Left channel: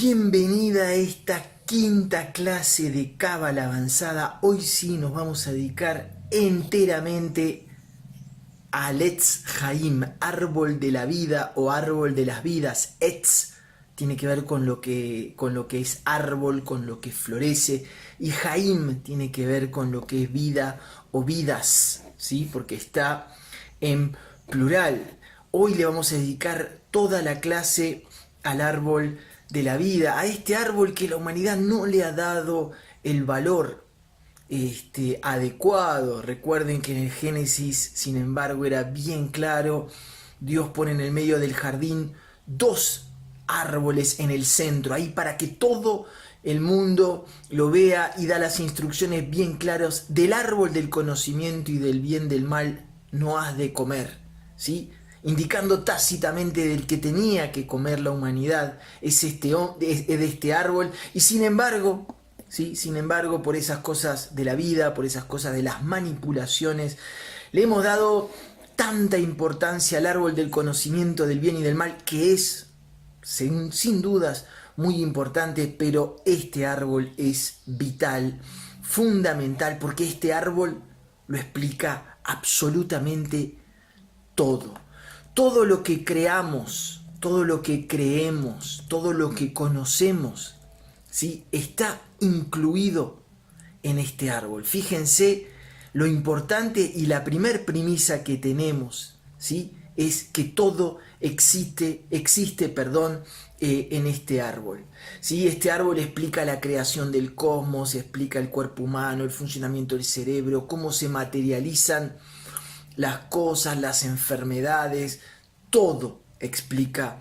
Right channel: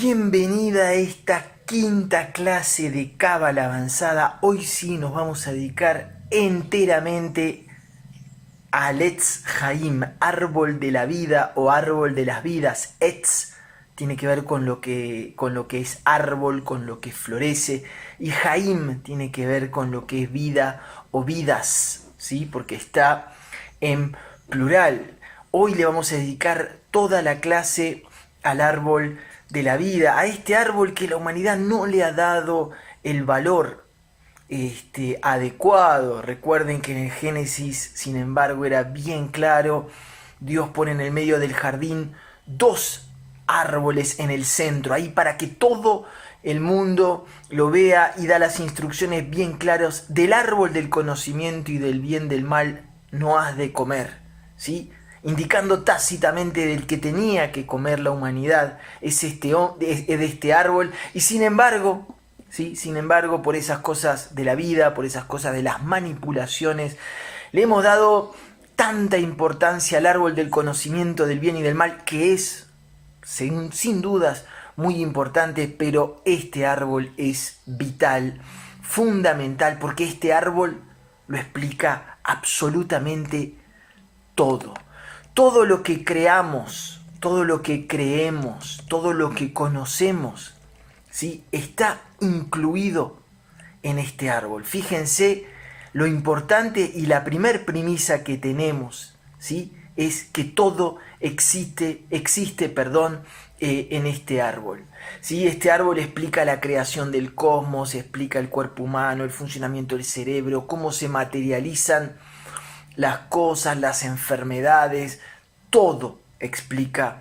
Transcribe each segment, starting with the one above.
Bienvenida a esta quinta clase de Cábala Avanzada. Hoy sí nos vamos a dedicar enteramente al Etz Haim, árbol de la vida o árbol de las vidas. Etz tiene que ver con lo que es árbol, con lo que florece, y Haim tiene que ver con lo que es vida o vidas, ¿sí? Porque está en plural. Hoy le vamos a dedicar toda la clase al árbol de la vida, a este árbol que la humanidad no le ha dado el valor adecuado. Recuerden que en el Génesis, sin embargo, era bien claro. Dios pone en el medio del jardín dos árboles en el centro, ahí para que todo el mundo lo vea, y da las instrucciones bien claras: del árbol del conocimiento y del bien del mal no has de comer, ¿sí? Indicando tácitamente del que tenía que comer la humanidad es de este árbol. Y sin embargo, ¿sí? Sin embargo, por esas cosas de la vida, por esas cosas de las manipulaciones, le hemos dado tanta importancia al árbol del conocimiento del bien y del mal, que es, sin dudas, muy importante, pero este árbol es vital, fundamental, porque este árbol lo explica absolutamente todo. Todo lo que creamos, todo lo que creemos, todo lo que conocemos, ¿sí? Está incluido en este árbol. Fíjense lo importante, y la primer premisa que tenemos, ¿sí? Es que todo existe, en este árbol, ¿sí? Este árbol explica la creación del cosmos, explica el cuerpo humano, el funcionamiento del cerebro, cómo se materializan las cosas, las enfermedades, todo explica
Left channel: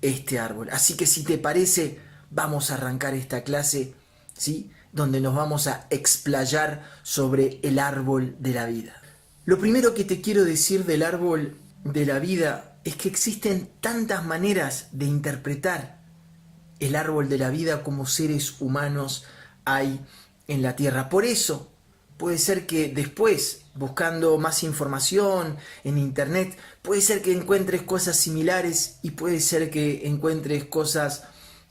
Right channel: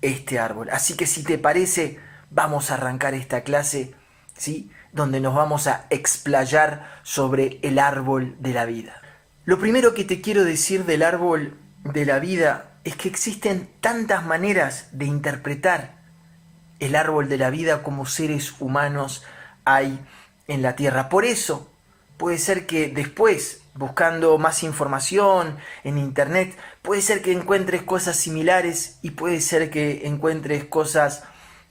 este árbol. Así que, si te parece, vamos a arrancar esta clase, ¿sí? Donde nos vamos a explayar sobre el árbol de la vida. Lo primero que te quiero decir del árbol de la vida es que existen tantas maneras de interpretar el árbol de la vida como seres humanos hay en la tierra. Por eso, puede ser que después, buscando más información en internet, puede ser que encuentres cosas similares y puede ser que encuentres cosas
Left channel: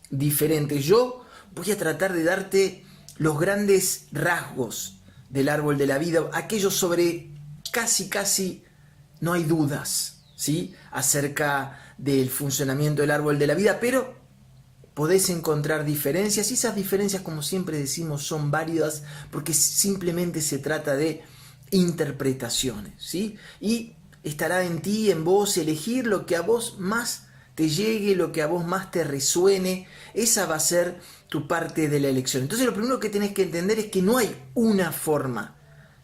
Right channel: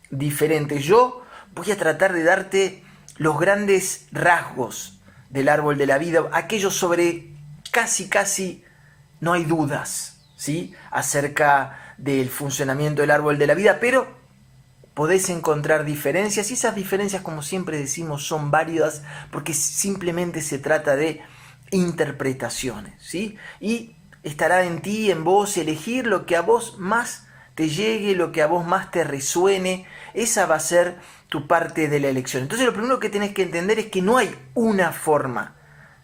diferentes. Yo voy a tratar de darte los grandes rasgos del árbol de la vida, aquellos sobre casi no hay dudas, ¿sí? Acerca del funcionamiento del árbol de la vida, pero podés encontrar diferencias, y esas diferencias, como siempre decimos, son válidas porque simplemente se trata de interpretaciones, ¿sí? Y estará en ti, en vos, elegir lo que a vos más te llegue, lo que a vos más te resuene. Esa va a ser tu parte de la elección. Entonces, lo primero que tenés que entender es que no hay una forma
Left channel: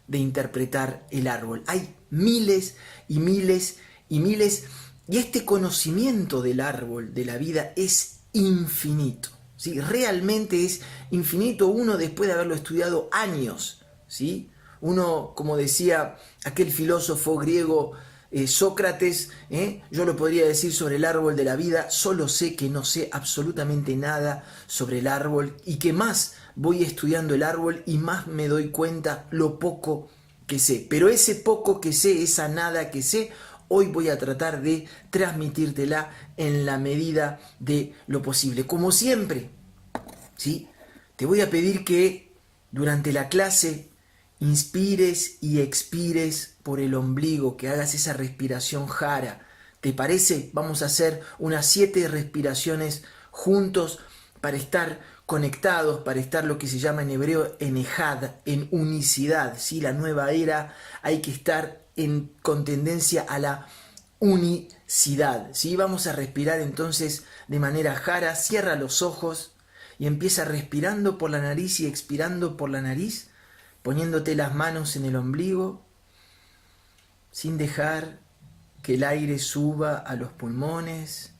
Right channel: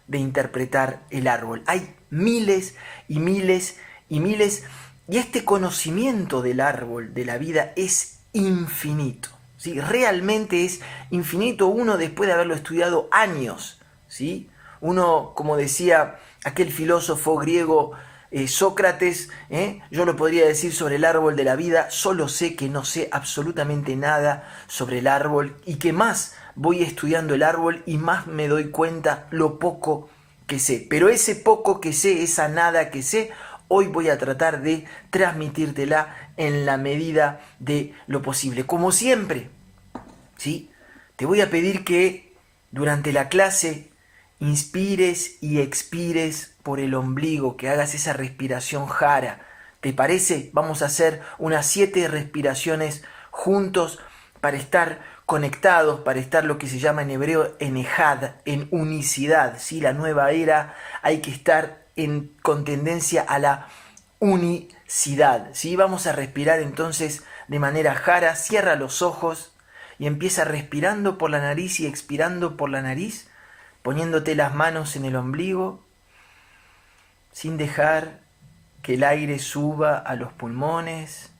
de interpretar el árbol. Hay miles y miles y miles, y este conocimiento del árbol de la vida es infinito, ¿sí? Realmente es infinito. Uno, después de haberlo estudiado años, ¿sí? Uno, como decía aquel filósofo griego Sócrates, yo lo podría decir sobre el árbol de la vida: solo sé que no sé absolutamente nada sobre el árbol, y que más voy estudiando el árbol y más me doy cuenta lo poco que sé. Pero ese poco que sé, esa nada que sé, hoy voy a tratar de transmitírtela en la medida de lo posible. Como siempre, ¿sí? Te voy a pedir que durante la clase inspires y expires por el ombligo, que hagas esa respiración jara. ¿Te parece? Vamos a hacer unas 7 respiraciones juntos para estar conectados, para estar, lo que se llama en hebreo, en ejad, en unicidad, ¿sí? La nueva era, hay que estar con tendencia a la unicidad, ¿sí? Vamos a respirar entonces de manera jara. Cierra los ojos y empieza respirando por la nariz y expirando por la nariz, poniéndote las manos en el ombligo, sin dejar que el aire suba a los pulmones.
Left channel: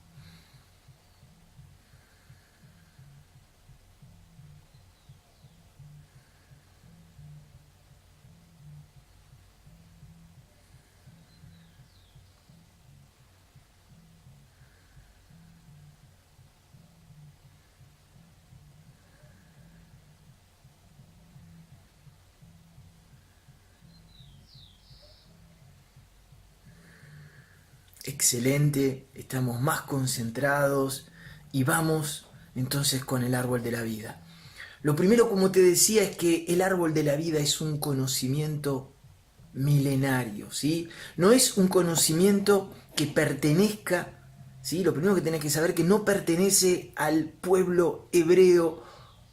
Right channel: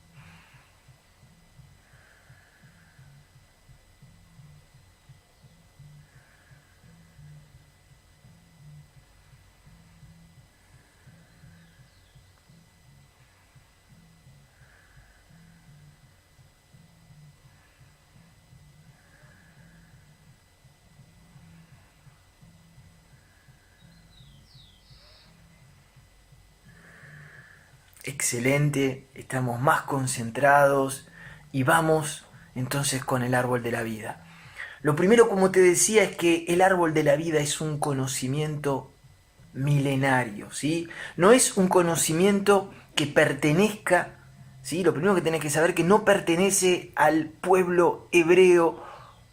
Excelente, estamos más concentrados y vamos entonces con el árbol de la vida? Lo primero, como te decía, es que el árbol de la vida es un conocimiento milenario, ¿sí? No es un conocimiento que pertenezca, ¿sí? Lo primero que tenés que saber es que no pertenece al pueblo hebreo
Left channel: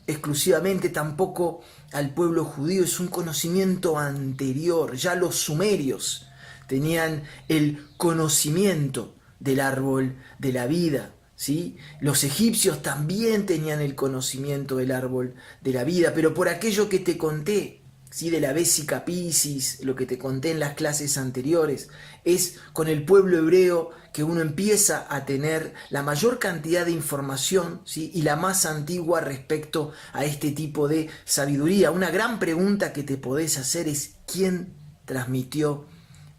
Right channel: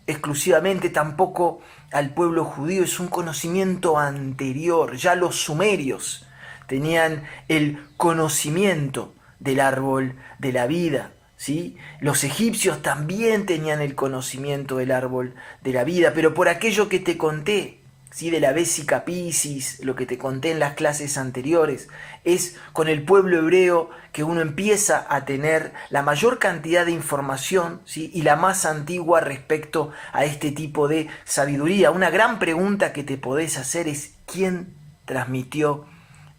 exclusivamente, tampoco al pueblo judío, es un conocimiento anterior. Ya los sumerios tenían el conocimiento del árbol de la vida, ¿sí? Los egipcios también tenían el conocimiento del árbol de la vida, pero por aquello que te conté, ¿sí? De la Vesica Piscis, lo que te conté en las clases anteriores, es con el pueblo hebreo que uno empieza a tener la mayor cantidad de información, ¿sí? Y la más antigua respecto a este tipo de sabiduría. Una gran pregunta que te podés hacer es: ¿quién transmitió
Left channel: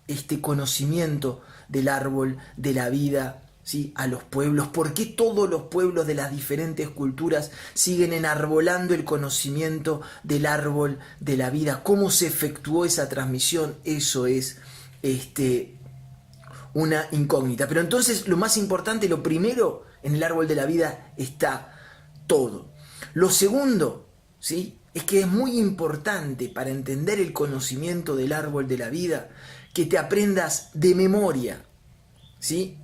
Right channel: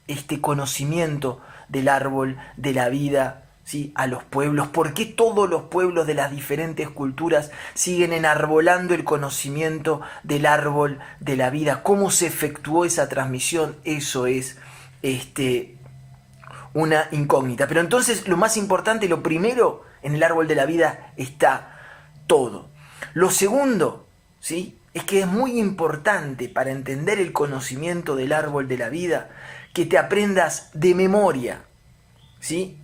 este conocimiento del árbol de la vida, ¿sí? A los pueblos? ¿Por qué todos los pueblos de las diferentes culturas siguen enarbolando el conocimiento del árbol de la vida? ¿Cómo se efectuó esa transmisión? Eso es una incógnita. Pero entonces lo más importante, lo primero, en el árbol de la vida está todo. Lo segundo, ¿sí? Es que es muy importante para entender el conocimiento del árbol de la vida que te aprendas de memoria, ¿sí?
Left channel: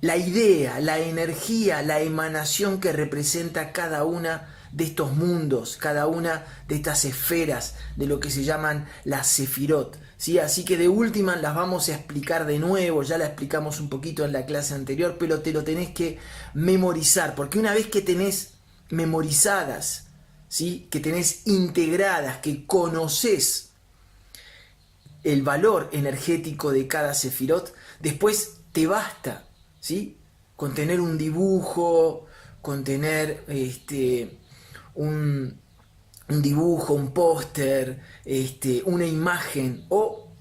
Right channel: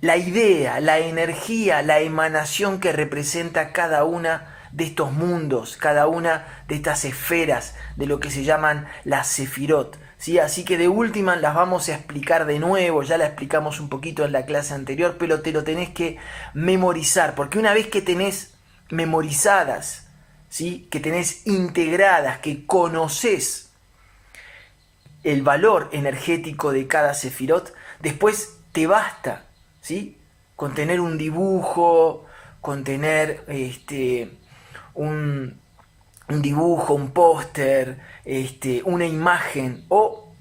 La idea, la energía, la emanación que representa cada una de estos mundos, cada una de estas esferas de lo que se llaman las sefirot, ¿sí? Así que de última las vamos a explicar de nuevo, ya la explicamos un poquito en la clase anterior, pero te lo tenés que memorizar, porque una vez que tenés memorizadas, ¿sí? Que tenés integradas, que conoces el valor energético de cada sefirot, después te basta, ¿sí? Con tener un dibujo, con tener un dibujo, un póster, una imagen o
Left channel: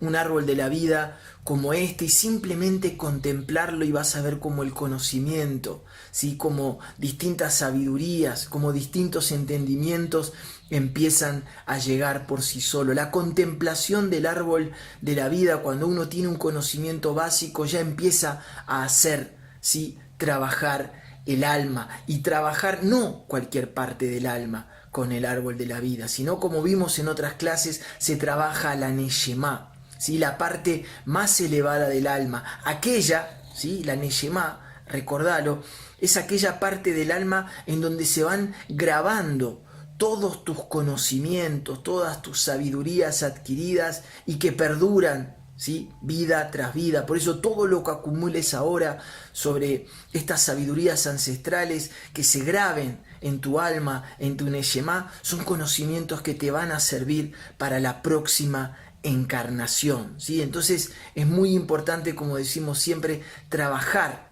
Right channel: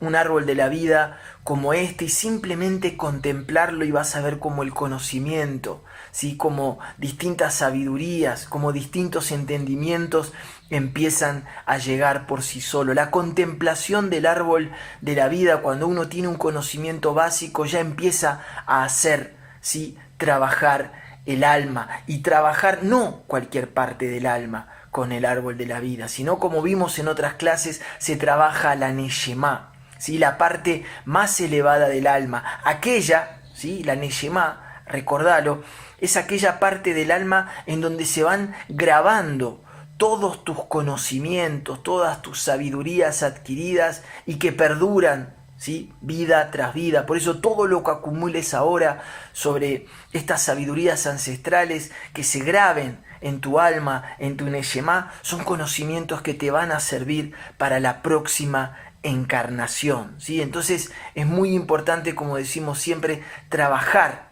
un árbol de la vida como este, y simplemente contemplarlo, y vas a ver como el conocimiento, ¿sí? Como distintas sabidurías, como distintos entendimientos empiezan a llegar por sí solo. La contemplación del árbol de la vida, cuando uno tiene un conocimiento básico, ya empieza a hacer, ¿sí? Trabajar el alma, y trabajar no cualquier parte del alma con el árbol de la vida, sino, como vimos en otras clases, se trabaja la Neshemá, ¿sí? La parte más elevada del alma, aquella, ¿sí? La Neshemá, recordalo, es aquella parte del alma en donde se van grabando todos tus conocimientos, todas tus sabidurías adquiridas y que perduran, ¿sí? Vida tras vida. Por eso todo lo que acumules ahora sobre estas sabidurías ancestrales, que se graben en tu alma, en tu Neshemá, son conocimientos que te van a servir para la próxima encarnación, ¿sí? Entonces es muy importante, como decimos siempre, trabajar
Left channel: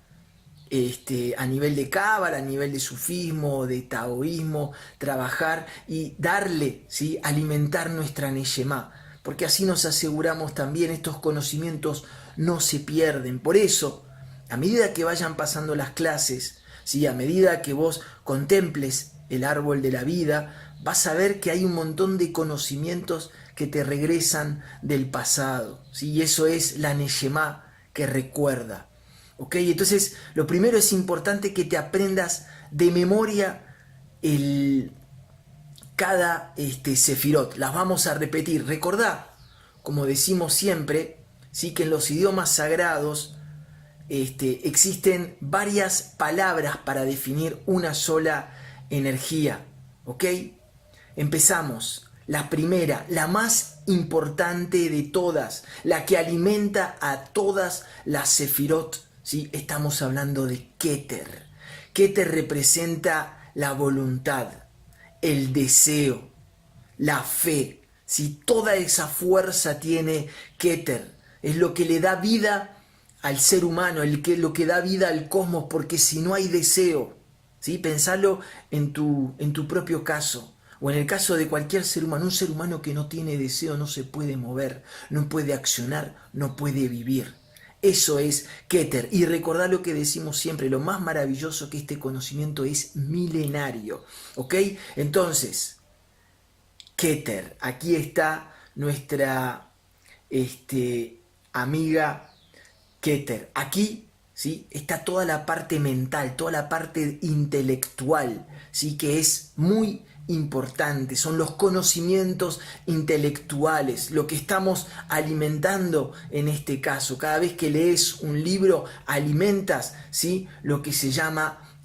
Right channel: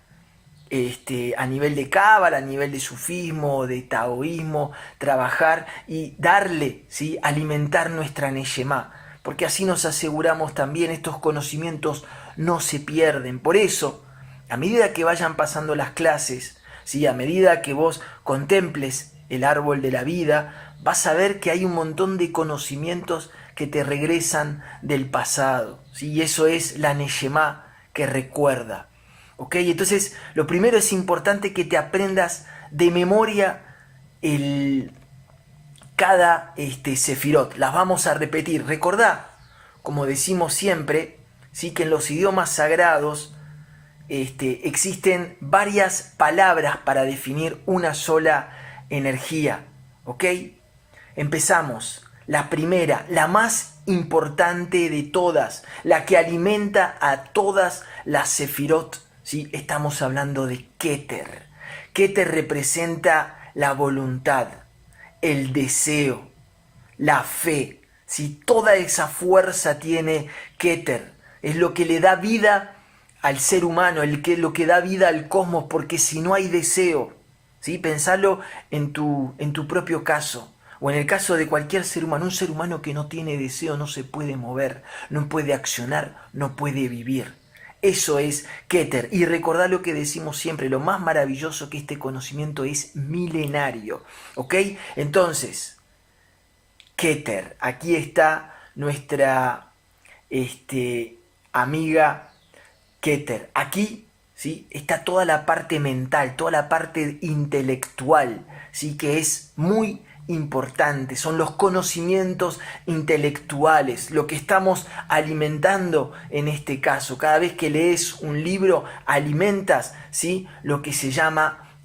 a nivel de cábala, a nivel de sufismo, de taoísmo, trabajar y darle, ¿sí? Alimentar nuestra Neshemá, porque así nos aseguramos también estos conocimientos no se pierden. Por eso, a medida que vayan pasando las clases, ¿sí? A medida que vos contemples el árbol de la vida, vas a ver que hay un montón de conocimientos que te regresan del pasado, ¿sí? Y eso es la Neshemá que recuerda. ¿Ok? Entonces, lo primero es importante que te aprendas de memoria cada sefirot. Las vamos a repetir. Recordá, como decimos siempre, ¿sí? Que en los idiomas sagrados existen varias palabras para definir una sola energía. ¿Ok? Empezamos. La primera, la más importante de todas, la que alimenta a todas las sefirot, ¿sí? Estamos hablando de Keter. Keter representa la voluntad, el deseo, la fe, ¿sí? Toda esa fuerza tiene Keter. Es lo que le da vida al ser humano, lo que da vida al cosmos, porque si no hay deseo, ¿sí? Pensalo en tu propio caso, o en el caso de cualquier ser humano. Un ser humano que no tiene deseo no se puede mover, no puede accionar, no puede vivir. Eso es Keter. Y recordá lo que decimos siempre, lo más maravilloso, que este conocimiento es milenario. ¿Ok? Entonces, Keter, aquí está nuestra amiga Keter. Aquí ¿sí? Está toda la parte mental, toda la parte intelectual, ¿sí? Que es muy importante. Son los conocimientos intelectuales, lo que estamos alimentando en este caso. Cada vez que lees un libro, alimentas, ¿sí? Lo que se llama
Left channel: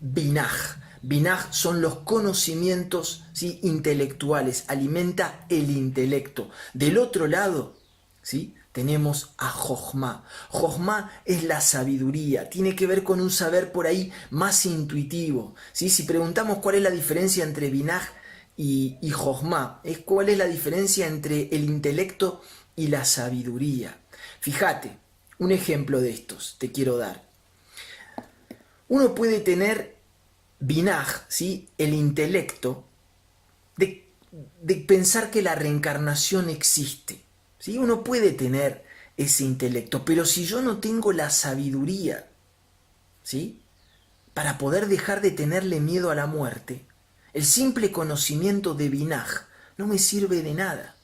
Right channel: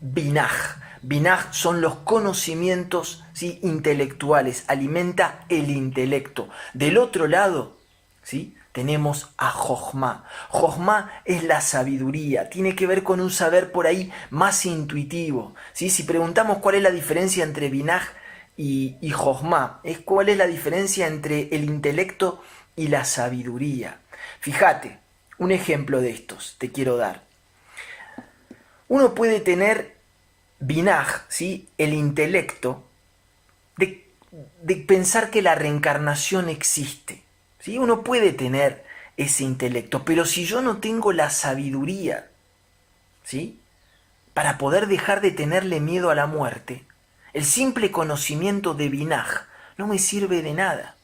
binaj. Binaj son los conocimientos, ¿sí? Intelectuales, alimenta el intelecto. Del otro lado, ¿sí? Tenemos a Jochma. Jochma es la sabiduría, tiene que ver con un saber por ahí más intuitivo, ¿sí? Si preguntamos cuál es la diferencia entre Binaj y Jochma, es cuál es la diferencia entre el intelecto y la sabiduría. Fíjate, un ejemplo de estos te quiero dar. Uno puede tener Binaj, ¿sí? El intelecto de pensar que la reencarnación existe. ¿Sí? Uno puede tener ese intelecto, pero si yo no tengo la sabiduría, ¿sí? Para poder dejar de tenerle miedo a la muerte, el simple conocimiento de Binaj no me sirve de nada,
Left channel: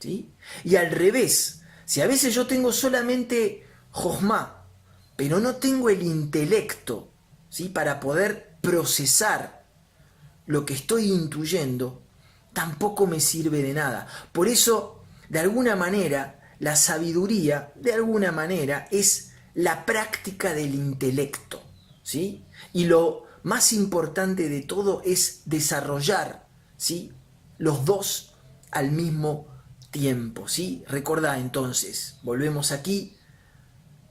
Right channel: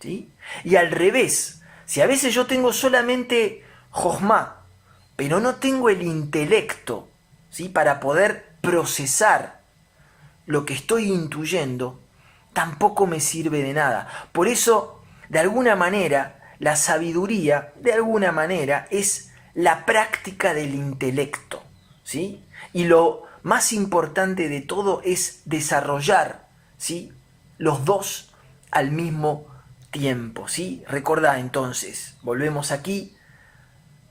¿sí? Y al revés, si a veces yo tengo solamente Jochma, pero no tengo el intelecto, ¿sí? Para poder procesar lo que estoy intuyendo, tampoco me sirve de nada. Por eso, de alguna manera, la sabiduría, de alguna manera, es la práctica del intelecto, ¿sí? Y lo más importante de todo es desarrollar, ¿sí? Los dos al mismo tiempo, ¿sí? Recordá entonces, volvemos aquí,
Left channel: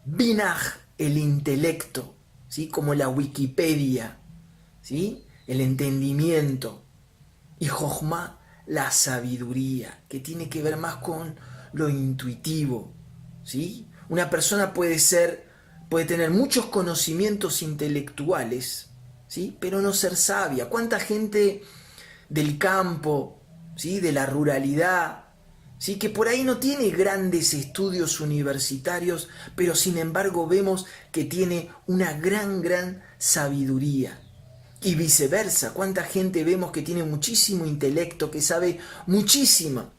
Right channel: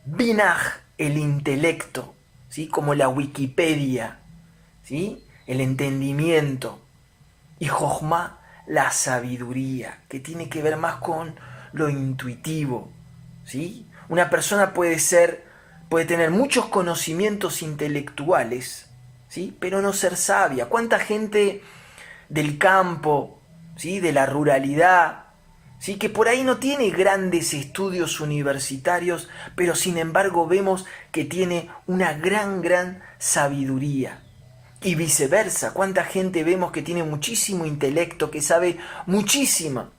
Binaj, el intelecto, ¿sí? Como la Wikipedia, ¿sí? El entendimiento, y Jochma, la sabiduría, que tiene que ver más con lo intuitivo, ¿sí? Una persona puede tener muchos conocimientos intelectuales, ¿sí? Pero no ser sabia. ¿Cuánta gente del campo, ¿sí? De la ruralidad, ¿sí? Que por ahí no tiene grandes estudios universitarios, pero sin embargo vemos que tiene una gran sabiduría? Y viceversa, cuánta gente vemos que tiene muchísimo intelecto, que sabe muchísimo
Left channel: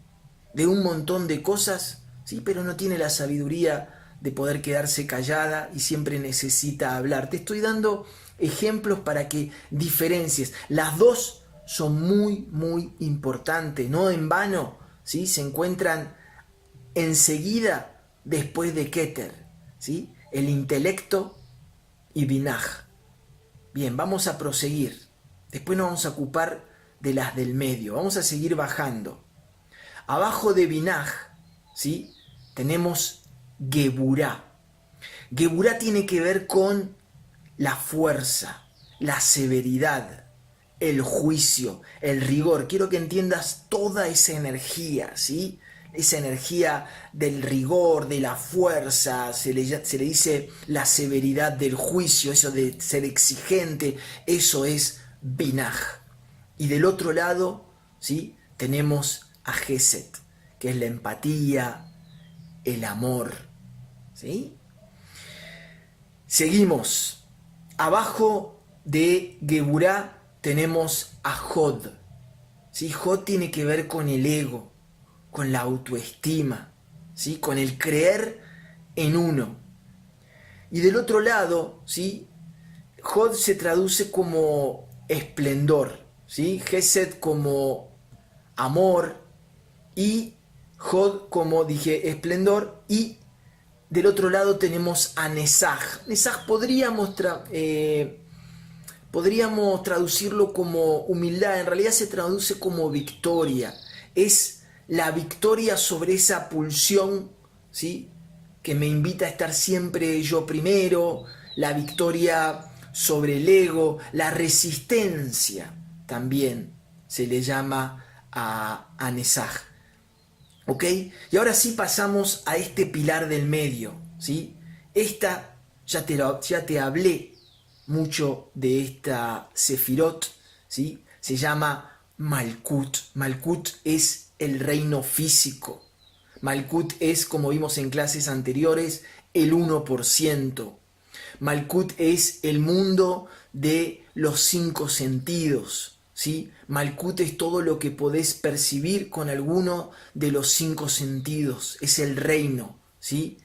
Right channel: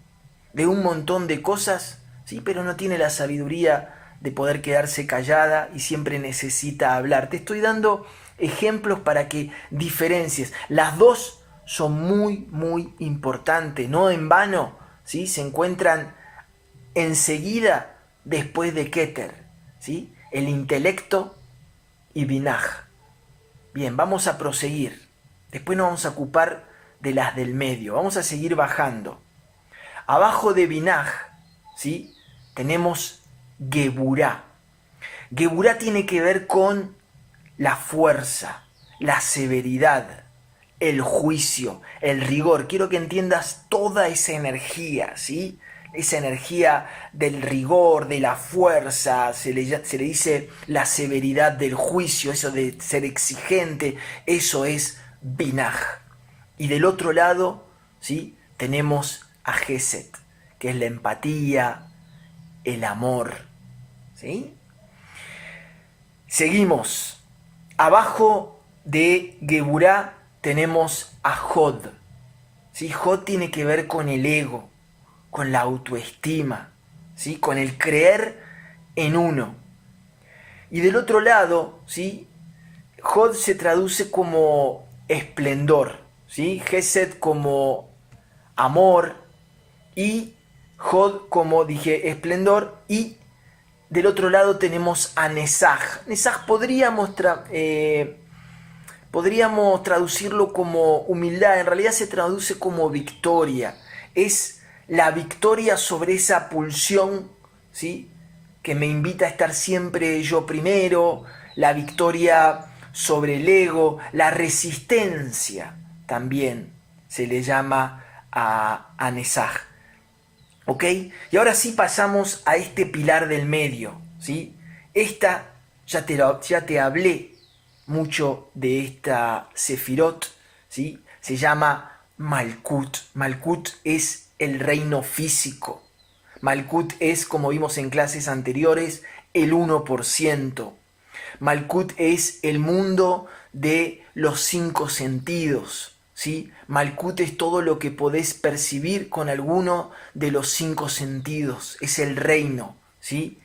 de un montón de cosas, ¿sí? Pero no tiene la sabiduría de poder quedarse callada y siempre necesita hablar. Te estoy dando ejemplos para que diferencies. Las dos son muy importantes, no en vano, ¿sí? Se encuentran enseguida después de Keter, ¿sí? El intelecto y Binaj. Bien, vamos a proseguir. Después nos vamos a ocupar de las del medio. Vamos a seguir bajando. Abajo de Binaj, ¿sí? Tenemos Geburá. Geburá tiene que ver con la fuerza, la severidad, el juicio, el rigor. Quiero que entiendas toda esa energía, ¿sí? Esa energía del rigor, de la fuerza, se le dice la severidad del juicio, eso de ser exigente, eso es Binaj. Y del otro lado, ¿sí? Tenemos a Geset, que es la empatía, el amor, ¿sí? Seguimos. Abajo de Geburá tenemos a Jod, ¿sí? Jod tiene que ver con el ego, con la autoestima, ¿sí? Con el creer en uno. Y del otro lado, ¿sí? Jod se traduce como esplendor, ¿sí? Gesed como amor y Jod como, dije, esplendor. Y del otro lado tenemos a Nesaj. Nesaj podríamos traducirlo como humildad, en realidad se traduce como victoria. Es la victoria sobre esa pulsión, ¿sí? Que me invita a estar siempre yo primero, la victoria sobre el ego, la resistencia también se le llama a Nesaj. ¿Ok? Y ahora sí pasamos a este pilar del medio, ¿sí? Esta, ya te hablé mucho de esta Sefirot, ¿sí? Se llama Malkut. Malkut es el reino físico. Malkut es, como vimos en clases anteriores, el 1%. Malkut es el mundo de los 5 sentidos, ¿sí? Malkut es todo lo que podés percibir con alguno de los 5 sentidos. Es el reino, ¿sí?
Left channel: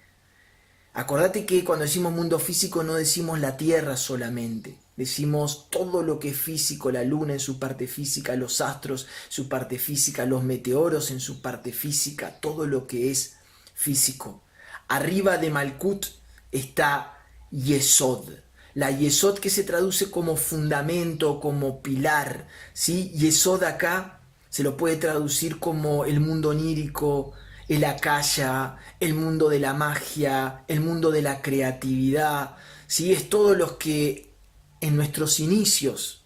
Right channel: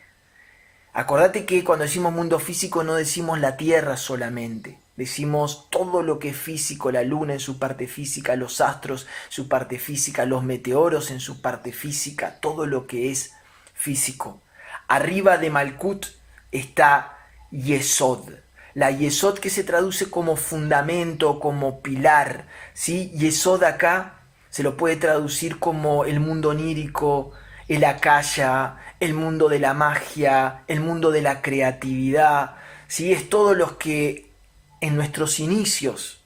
Acordate que cuando decimos mundo físico no decimos la Tierra solamente, decimos todo lo que es físico, la luna en su parte física, los astros en su parte física, los meteoros en su parte física, todo lo que es físico. Arriba de Malkut está Yesod. La Yesod que se traduce como fundamento, como pilar, ¿sí? Yesod acá se lo puede traducir como el mundo onírico, el Akasha, el mundo de la magia, el mundo de la creatividad, ¿sí? Es todo lo que en nuestros inicios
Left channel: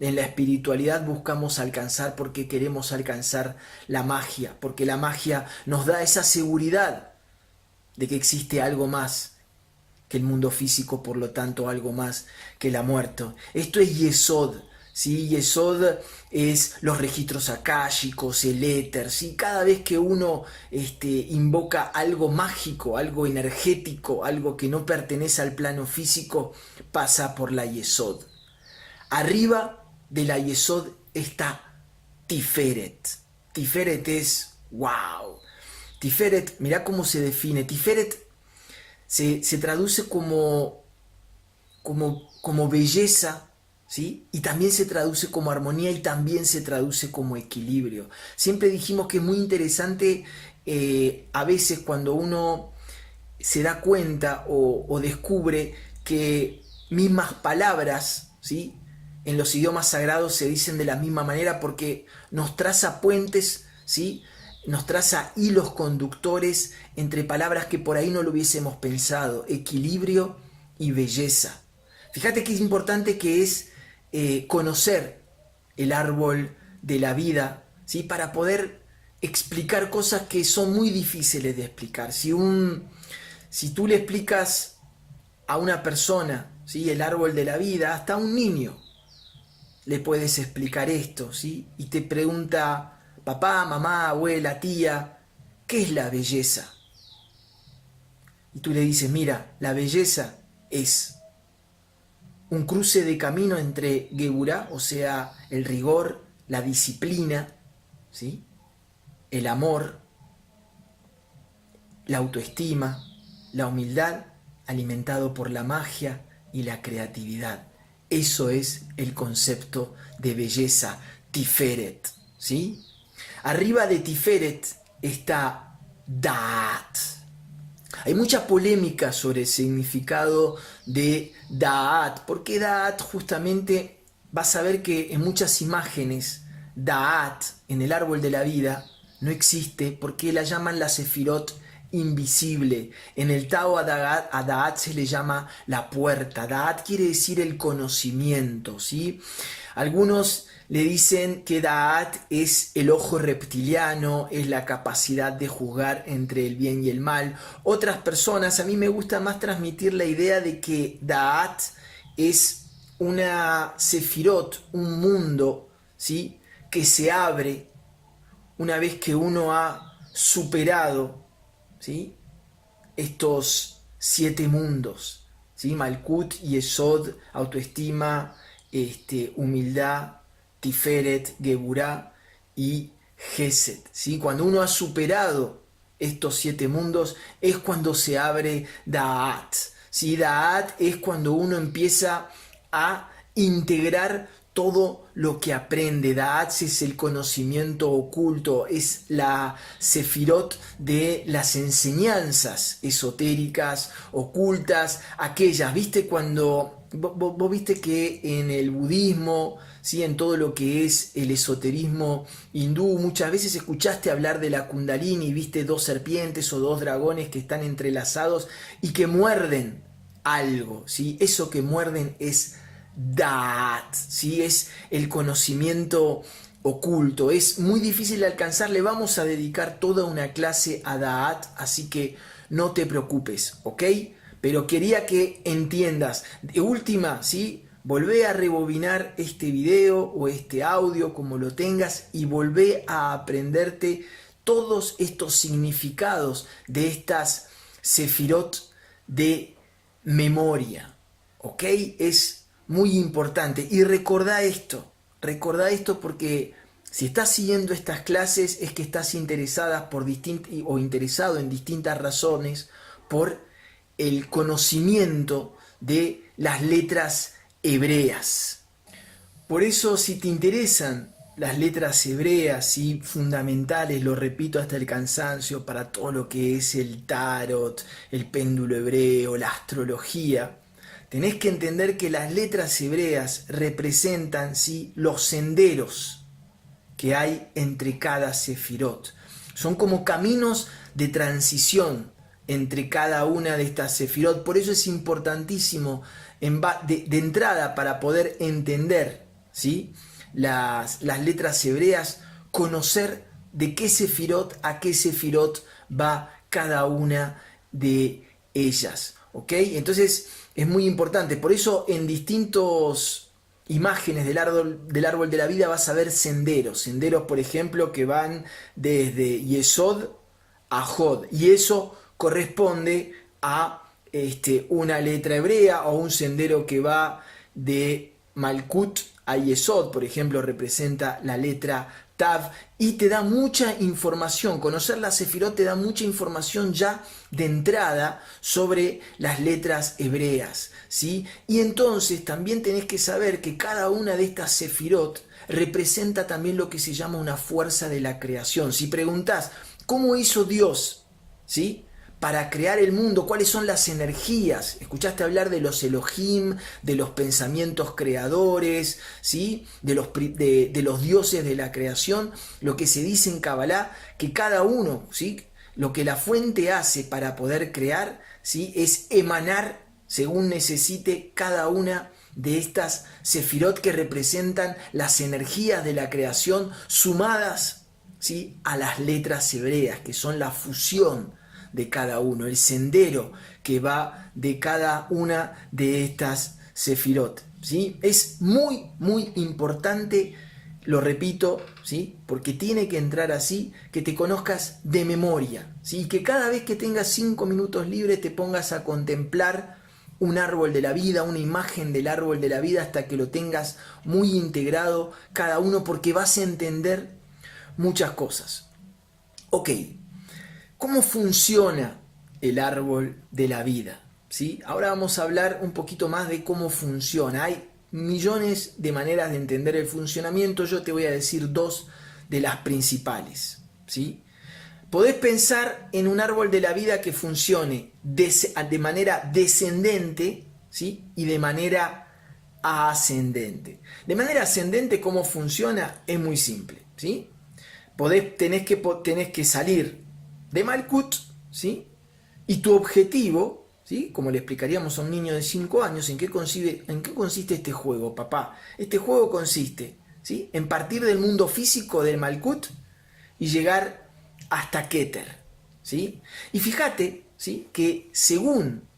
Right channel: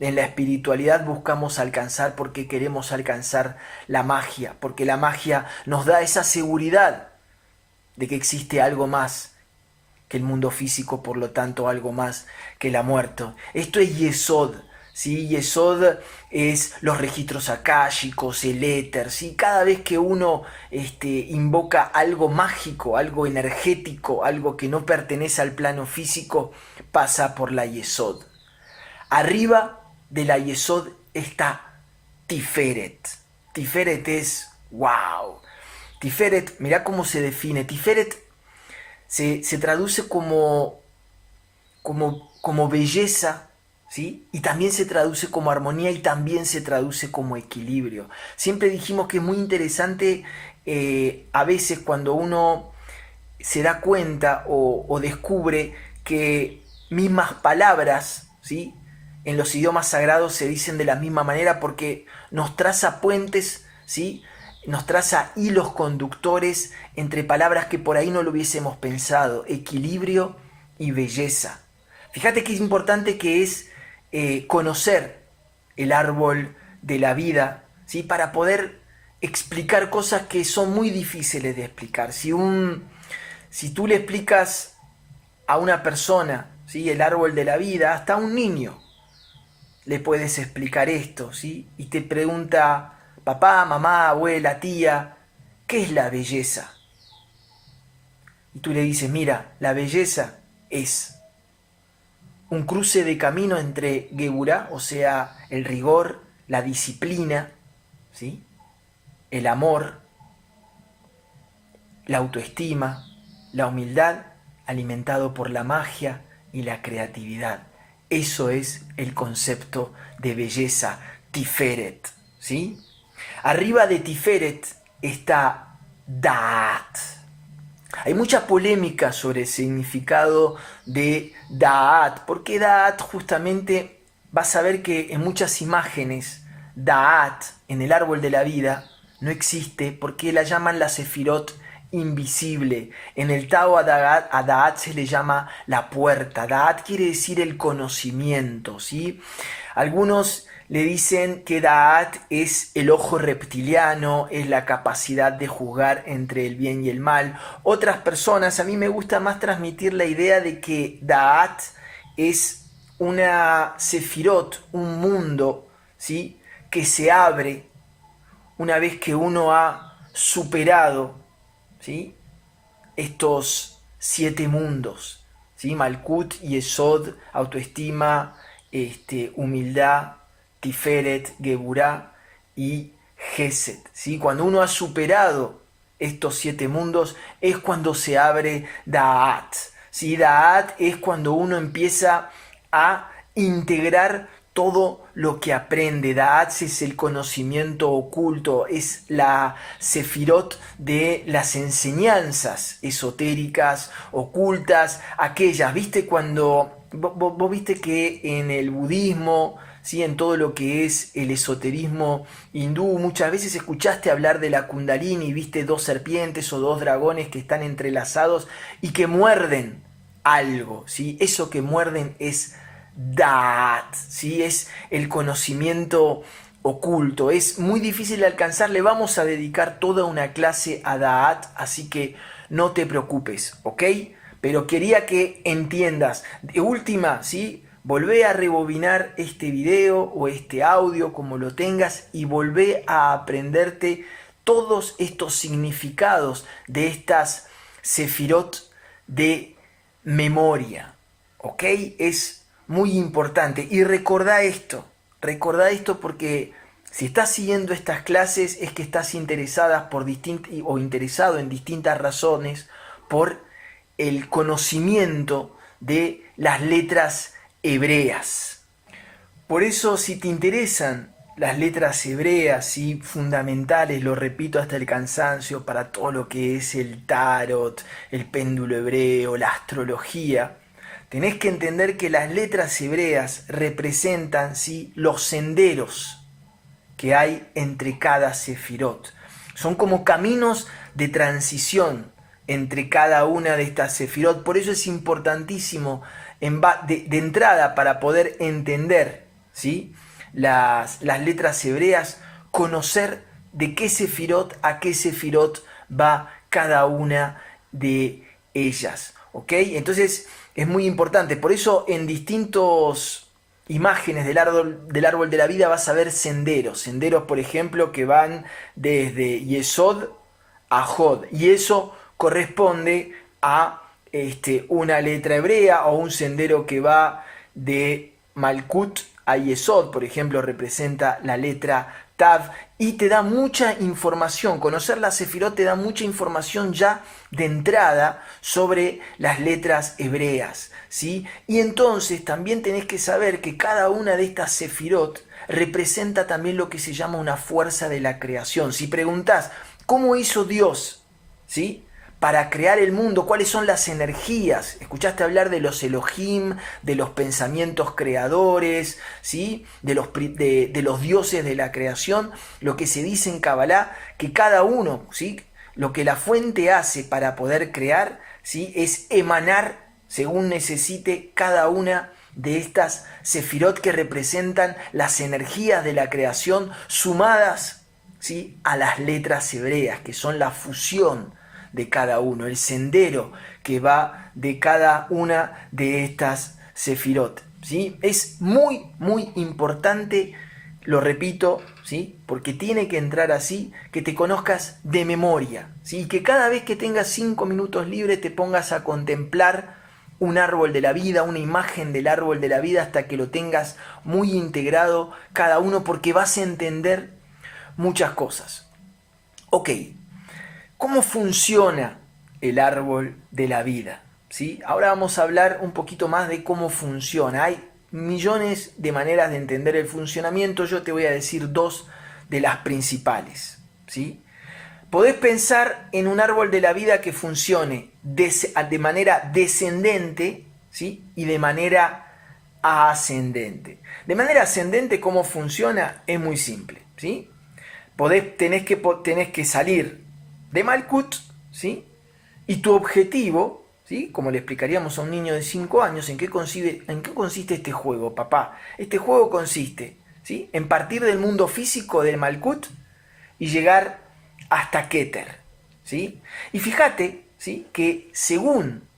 en la espiritualidad buscamos alcanzar porque queremos alcanzar la magia, porque la magia nos da esa seguridad de que existe algo más que el mundo físico, por lo tanto algo más que la muerte. Esto es Yesod, ¿sí? Yesod es los registros akáshicos, el éter, ¿sí? Cada vez que uno invoca algo mágico, algo energético, algo que no pertenece al plano físico, pasa por la Yesod. Arriba de la Yesod está Tiferet. Tiferet es wow. Tiferet, mirá cómo se define. Tiferet se traduce como belleza, ¿sí? Y también se traduce como armonía y también se traduce como equilibrio. Siempre dijimos que es muy interesante a veces cuando uno se da cuenta o descubre que mismas palabras, ¿sí? En los idiomas sagrados se dicen de la misma manera porque nos traza puentes, ¿sí? Nos traza hilos conductores entre palabras que por ahí no lo hubiésemos pensado, equilibrio y belleza. Fíjate qué importante que es conocer el árbol de la vida, ¿sí? Para poder explicar cosas que son muy difíciles de explicar. Si tú le explicas a una persona, ¿sí? El árbol de la vida, hasta a un niño le puedes explicar esto, ¿sí? Y te pregunta, papá, mamá, abuela, tía, ¿qué es la belleza? Y tú le dices, mira, la belleza es un cruce de camino entre Geburá, o sea, el rigor, la disciplina, ¿sí? El amor, la autoestima, la humildad, alimentado por la magia y la creatividad. Eso es el concepto de belleza, Tiferet, ¿sí? Arriba de Tiferet está Da'at. Hay mucha polémica sobre el significado de Da'at, porque Da'at justamente vas a ver que en muchas imágenes Da'at en el árbol de la vida no existe porque la llaman la Sefirot invisible. En el Tao a Da'at se le llama la puerta. Da'at quiere decir el conocimiento, ¿sí? Algunos le dicen que Da'at es el ojo reptiliano, es la capacidad de juzgar entre el bien y el mal. Otras personas, a mí me gusta más transmitir la idea de que Da'at es una sefirot, un mundo, ¿sí? Que se abre una vez que uno ha superado, ¿sí? Estos 7 mundos, ¿sí? Malkut, Yesod, autoestima, humildad, Tiferet, Geburá y Gesed, ¿sí? Cuando uno ha superado estos 7 mundos es cuando se abre Da'at, ¿sí? Da'at es cuando uno empieza a integrar todo lo que aprende. Da'at es el conocimiento oculto, es la sefirot de las enseñanzas esotéricas, ocultas, aquellas, ¿viste? Cuando vos viste que en el budismo, ¿sí? En todo lo que es el esoterismo hindú, muchas veces escuchaste hablar de la Kundalini, viste 2 serpientes o 2 dragones que están entrelazados y que muerden algo, ¿sí? Eso que muerden es Da'at, ¿sí? Es el conocimiento oculto, es muy difícil de alcanzar. Le vamos a dedicar toda una clase a Da'at, así que no te preocupes, ¿ok? Pero quería que entiendas. De última, ¿sí? Volvé a rebobinar este video o este audio, como lo tengas, y volvé a aprenderte todos estos significados de estas sefirot de memoria, ¿ok? Es muy importante. Y recordá esto porque si estás siguiendo estas clases es que estás interesado en distintas razones por el conocimiento de las letras hebreas. Por eso, si te interesan las letras hebreas y fundamentales, lo repito hasta el cansancio, para todo lo que es el tarot, el péndulo hebreo, la astrología, tenés que entender que las letras hebreas representan, ¿sí?, los senderos que hay entre cada sefirot. Son como caminos de transición entre cada una de estas sefirot. Por eso es importantísimo de entrada, para poder entender, ¿sí?, las letras hebreas, conocer de qué sefirot a qué sefirot va cada una de ellas. ¿Ok? Entonces es muy importante. Por eso en distintos imágenes del árbol de la vida vas a ver senderos. Senderos, por ejemplo, que van desde Yesod a Jod. Y eso corresponde a una letra hebrea, o un sendero que va de Malkut a Yesod, por ejemplo, representa la letra Tav, y te da mucha información. Conocer la sefirot te da mucha información ya de entrada sobre las letras hebreas, ¿sí? Y entonces también tenés que saber que cada una de estas sefirot representa también lo que se llama una fuerza de la creación. Si preguntás, ¿cómo hizo Dios, ¿sí?, para crear el mundo? ¿Cuáles son las energías? Escuchaste hablar de los Elohim, de los pensamientos creadores, ¿sí?, de los dioses de la creación. Lo que se dice en Kabbalah, que cada uno, ¿sí?, lo que la fuente hace para poder crear, ¿sí?, es emanar según necesite cada una de estas sefirot, que representan las energías de la creación sumadas, ¿sí?, a las letras hebreas, que son la fusión de cada uno, el sendero que va de cada una de estas sefirot, ¿sí? Es muy, muy importante, lo repito, ¿sí?, porque tiene que entrar así, que te conozcas de memoria, ¿sí?, y que cada vez que tengas 5 minutos libres te pongas a contemplar un árbol de la vida, una imagen del árbol de la vida, hasta que lo tengas muy integrado cada uno, porque vas a entender muchas cosas. Ok, ¿cómo funciona el árbol de la vida? ¿Sí? Ahora vamos a hablar un poquito más de cómo funciona. Hay millones de maneras de entender el funcionamiento. Yo te voy a decir 2 de las principales, ¿sí? Podés pensar en un árbol de la vida que funcione de manera descendente, ¿sí?, y de manera ascendente. De manera ascendente, ¿cómo funciona? Es muy simple, ¿sí? Tenés que salir de Malkut, ¿sí?, y tu objetivo, ¿sí?, como le explicaríamos a un niño de 5 años, ¿en qué consiste este juego, papá? Este juego consiste, ¿sí?, en partir del mundo físico del Malkut y llegar hasta Keter, ¿sí? Y fíjate, ¿sí?, que según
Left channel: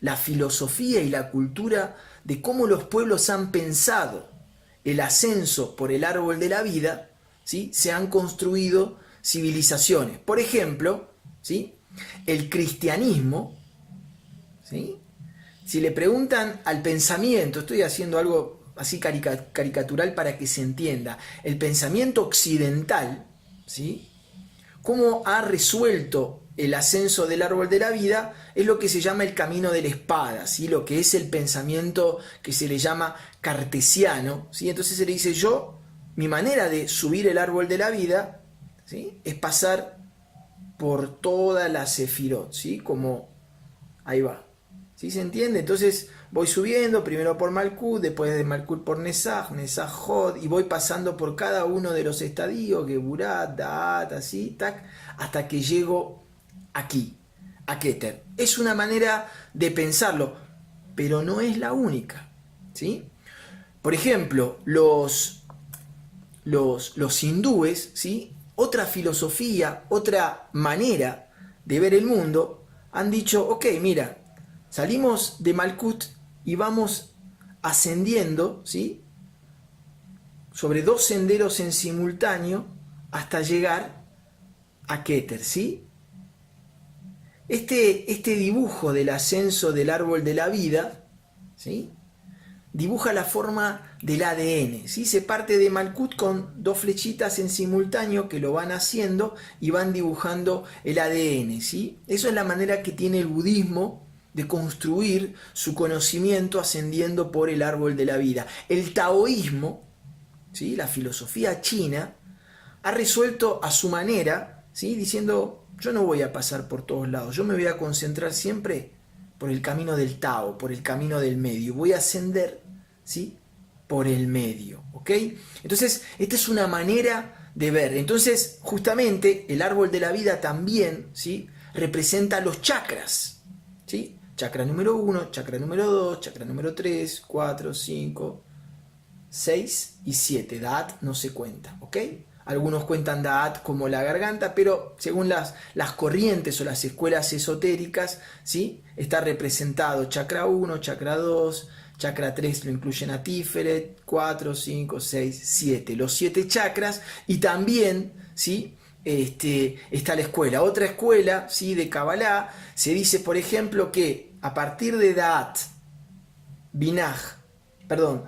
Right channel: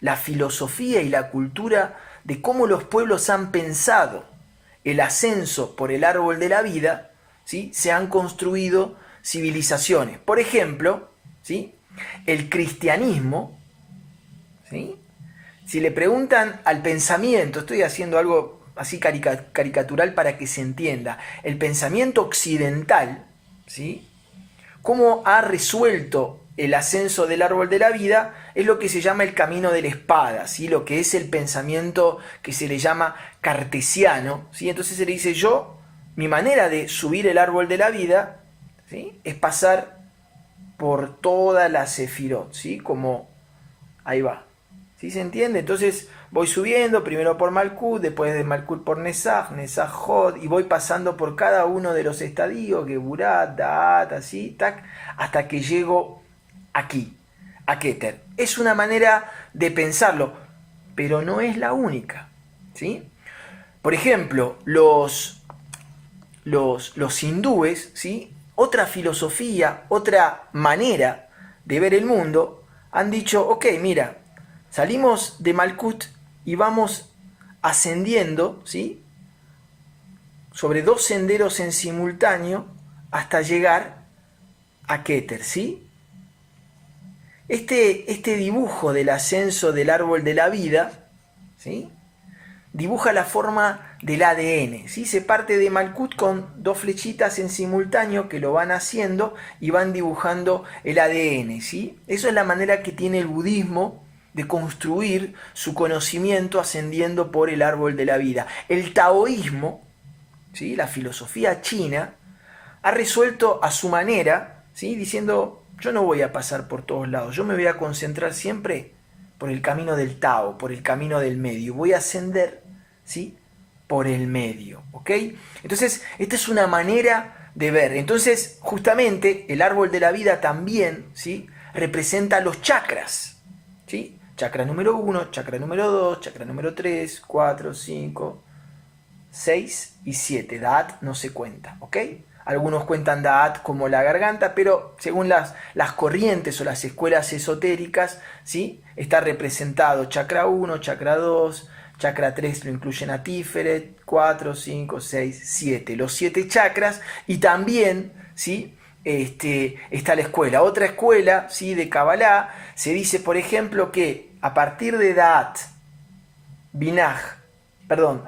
la filosofía y la cultura de cómo los pueblos han pensado el ascenso por el árbol de la vida, ¿sí?, se han construido civilizaciones. Por ejemplo, ¿sí?, el cristianismo, ¿sí?, si le preguntan al pensamiento, estoy haciendo algo así caricatural para que se entienda, el pensamiento occidental, ¿sí?, cómo ha resuelto el ascenso del árbol de la vida, es lo que se llama el camino de la espada, ¿sí?, lo que es el pensamiento que se le llama cartesiano, ¿sí? Entonces se le dice, mi manera de subir el árbol de la vida, ¿sí?, es pasar por toda la sefirot, ¿sí?, como ahí va, ¿sí? ¿Se entiende? Entonces voy subiendo primero por Malkut, después de Malkut por Nesaj, Nesaj Jod, y voy pasando por cada uno de los estadios, Geburat, Da'at, así, tac, hasta que llego aquí, a Keter. Es una manera de pensarlo, pero no es la única, ¿sí? Por ejemplo, los hindúes, ¿sí?, otra filosofía, otra manera de ver el mundo, han dicho, ok, mira, salimos de Malkut y vamos ascendiendo, ¿sí?, sobre 2 senderos en simultáneo hasta llegar a Keter, ¿sí? Este dibujo del ascenso del árbol de la vida, ¿sí?, dibuja la forma del ADN, ¿sí? Se parte de Malkut con 2 flechitas en simultáneo que lo van haciendo y van dibujando el ADN, ¿sí? Eso es la manera que tiene el budismo de construir su conocimiento ascendiendo por el árbol de la vida. El taoísmo, ¿sí?, la filosofía china, ha resuelto a su manera, ¿sí?, diciendo, yo no voy a pasar por todos lados, yo me voy a concentrar siempre por el camino del Tao, por el camino del medio, voy a ascender, ¿sí?, por el medio, ¿ok? Entonces, esta es una manera de ver. Entonces, justamente, el árbol de la vida también, ¿sí?, representa los chakras, ¿sí? Chakra número 1, chakra número 2, chakra número 3, 4, 5, 6 y 7. Da'at no se cuenta, ¿ok? Algunos cuentan Da'at como la garganta, pero según las corrientes o las escuelas esotéricas, ¿sí?, está representado chakra 1, chakra 2, chakra 3 lo incluyen a Tiferet, 4, 5, 6, 7. Los 7 chakras, y también, ¿sí?, está la escuela. Otra escuela, ¿sí?, de Kabbalah, se dice, por ejemplo, que a partir de Da'at,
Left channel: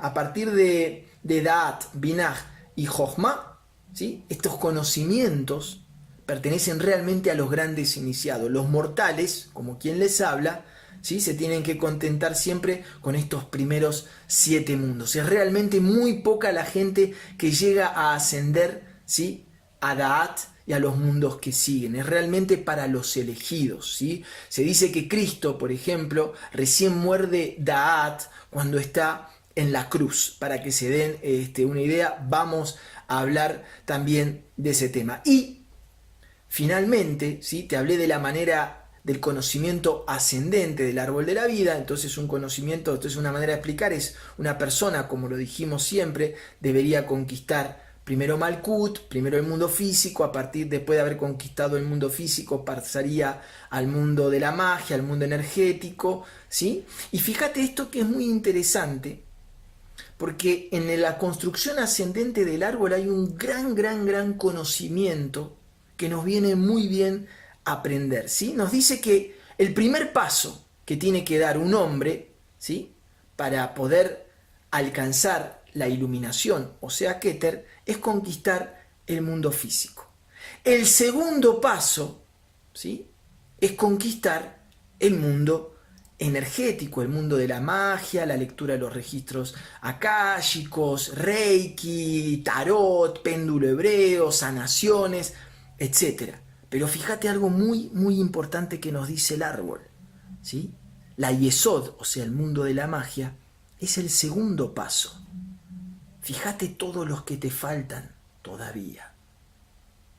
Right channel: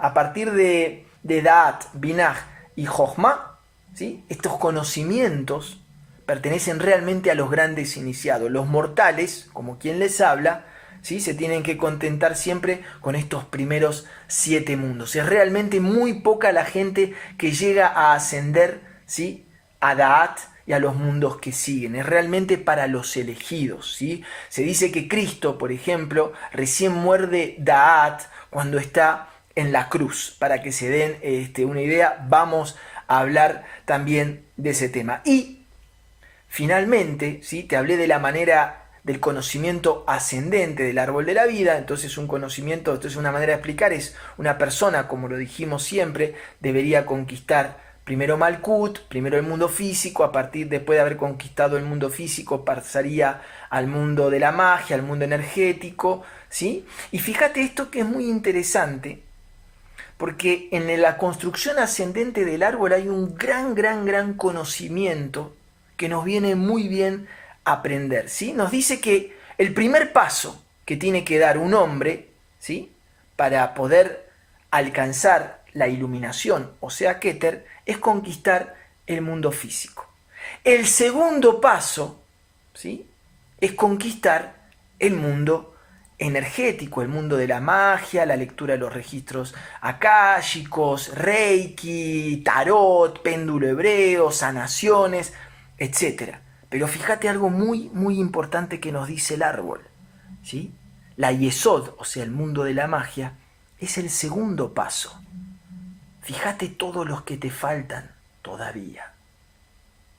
a partir de Da'at, Binaj y Jochma, ¿sí?, estos conocimientos pertenecen realmente a los grandes iniciados. Los mortales, como quien les habla, ¿sí?, se tienen que contentar siempre con estos primeros 7 mundos. Es realmente muy poca la gente que llega a ascender, ¿sí?, a Da'at y a los mundos que siguen. Es realmente para los elegidos, ¿sí? Se dice que Cristo, por ejemplo, recién muerde Da'at cuando está en la cruz. Para que se den una idea, vamos a hablar también de ese tema. Y finalmente, ¿sí?, te hablé de la manera del conocimiento ascendente del árbol de la vida. Entonces una manera de explicar es, una persona, como lo dijimos siempre, debería conquistar primero Malkut, primero el mundo físico. Después de haber conquistado el mundo físico, pasaría al mundo de la magia, al mundo energético, ¿sí? Y fíjate esto que es muy interesante, porque en la construcción ascendente del árbol hay un gran conocimiento que nos viene muy bien aprender, ¿sí? Nos dice que el primer paso que tiene que dar un hombre, ¿sí?, para poder alcanzar la iluminación, o sea, Keter, es conquistar el mundo físico. El segundo paso, ¿sí?, es conquistar el mundo energético, el mundo de la magia, la lectura de los registros akáshicos, reiki, tarot, péndulo hebreo, sanaciones, etc. Pero fíjate algo muy importante que nos dice el árbol, ¿sí? La Yesod, o sea, el mundo de la magia, es el segundo paso. Fíjate todos los que te faltan todavía,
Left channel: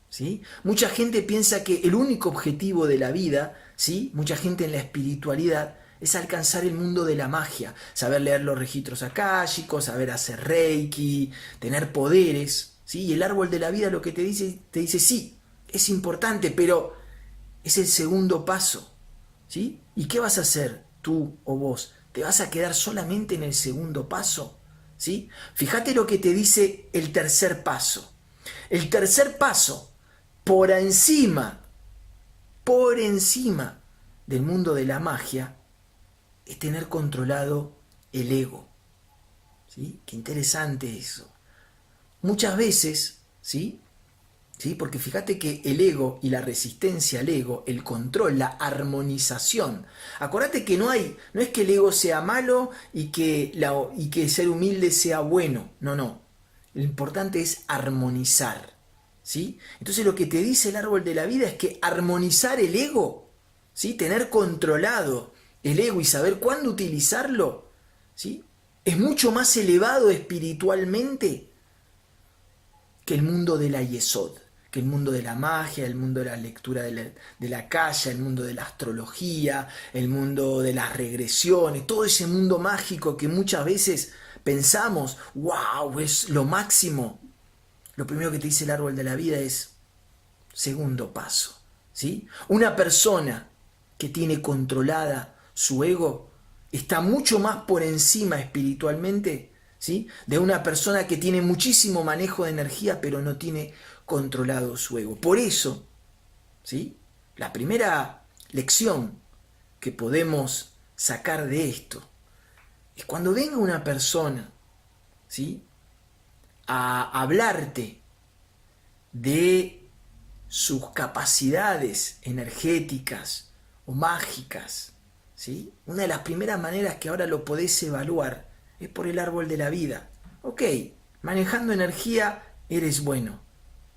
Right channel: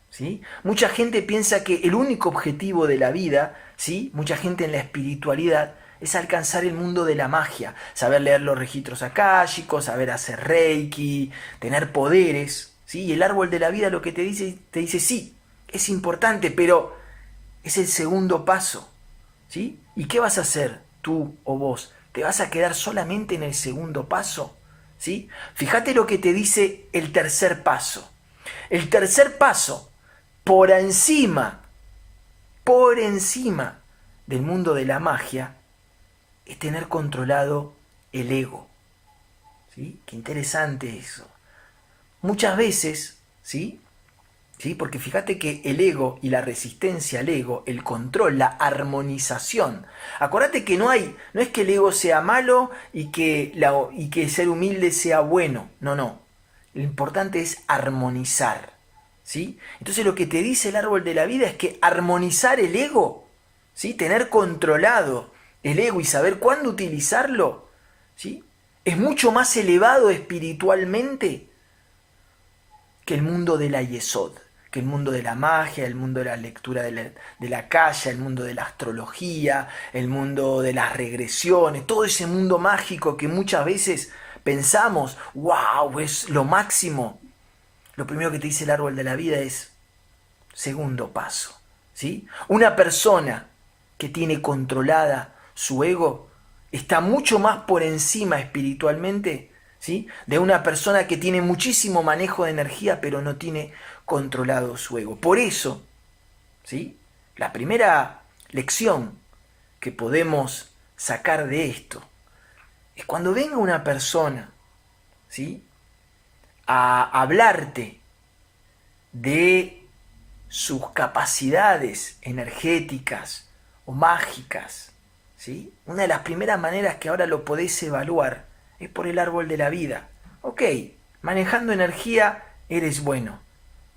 ¿sí? Mucha gente piensa que el único objetivo de la vida, ¿sí?, mucha gente en la espiritualidad, es alcanzar el mundo de la magia, saber leer los registros akáshicos, saber hacer reiki, tener poderes, ¿sí? Y el árbol de la vida lo que te dice sí, es importante, pero es el segundo paso, ¿sí? ¿Y qué vas a hacer tú o vos? ¿Te vas a quedar solamente en el segundo paso? ¿Sí? Fíjate lo que te dice el tercer paso. El tercer paso, por encima del mundo de la magia, es tener controlado el ego, ¿sí? Qué interesante eso. Muchas veces, ¿sí?, porque fíjate que el ego y la resistencia al ego, el control, la armonización. Acordate que no es que el ego sea malo y que ser humilde sea bueno. No. Lo importante es armonizar, ¿sí? Entonces lo que te dice el árbol de la vida es que armonizar el ego, ¿sí?, tener controlado el ego y saber cuándo utilizarlo, ¿sí?, es mucho más elevado espiritualmente que el mundo de la Yesod, que el mundo de la magia, el mundo de la lectura de la Kaya, el mundo de la astrología, el mundo de las regresiones, todo ese mundo mágico que muchas veces pensamos, wow, es lo máximo. Lo primero que te dice el árbol de la vida es segundo paso, ¿sí? Una persona que tiene controlada su ego está mucho más por encima espiritualmente, ¿sí?, de una persona que tiene muchísimo manejo de energía pero no tiene controlado su ego. Por eso, ¿sí?, la primera lección que podemos sacar de esto es cuando venga una persona, ¿sí?, a hablarte de sus capacidades energéticas o mágicas, ¿sí? Una de las primeras maneras que ahora lo podés evaluar es por el árbol de la vida. Ok, manejando energía eres bueno,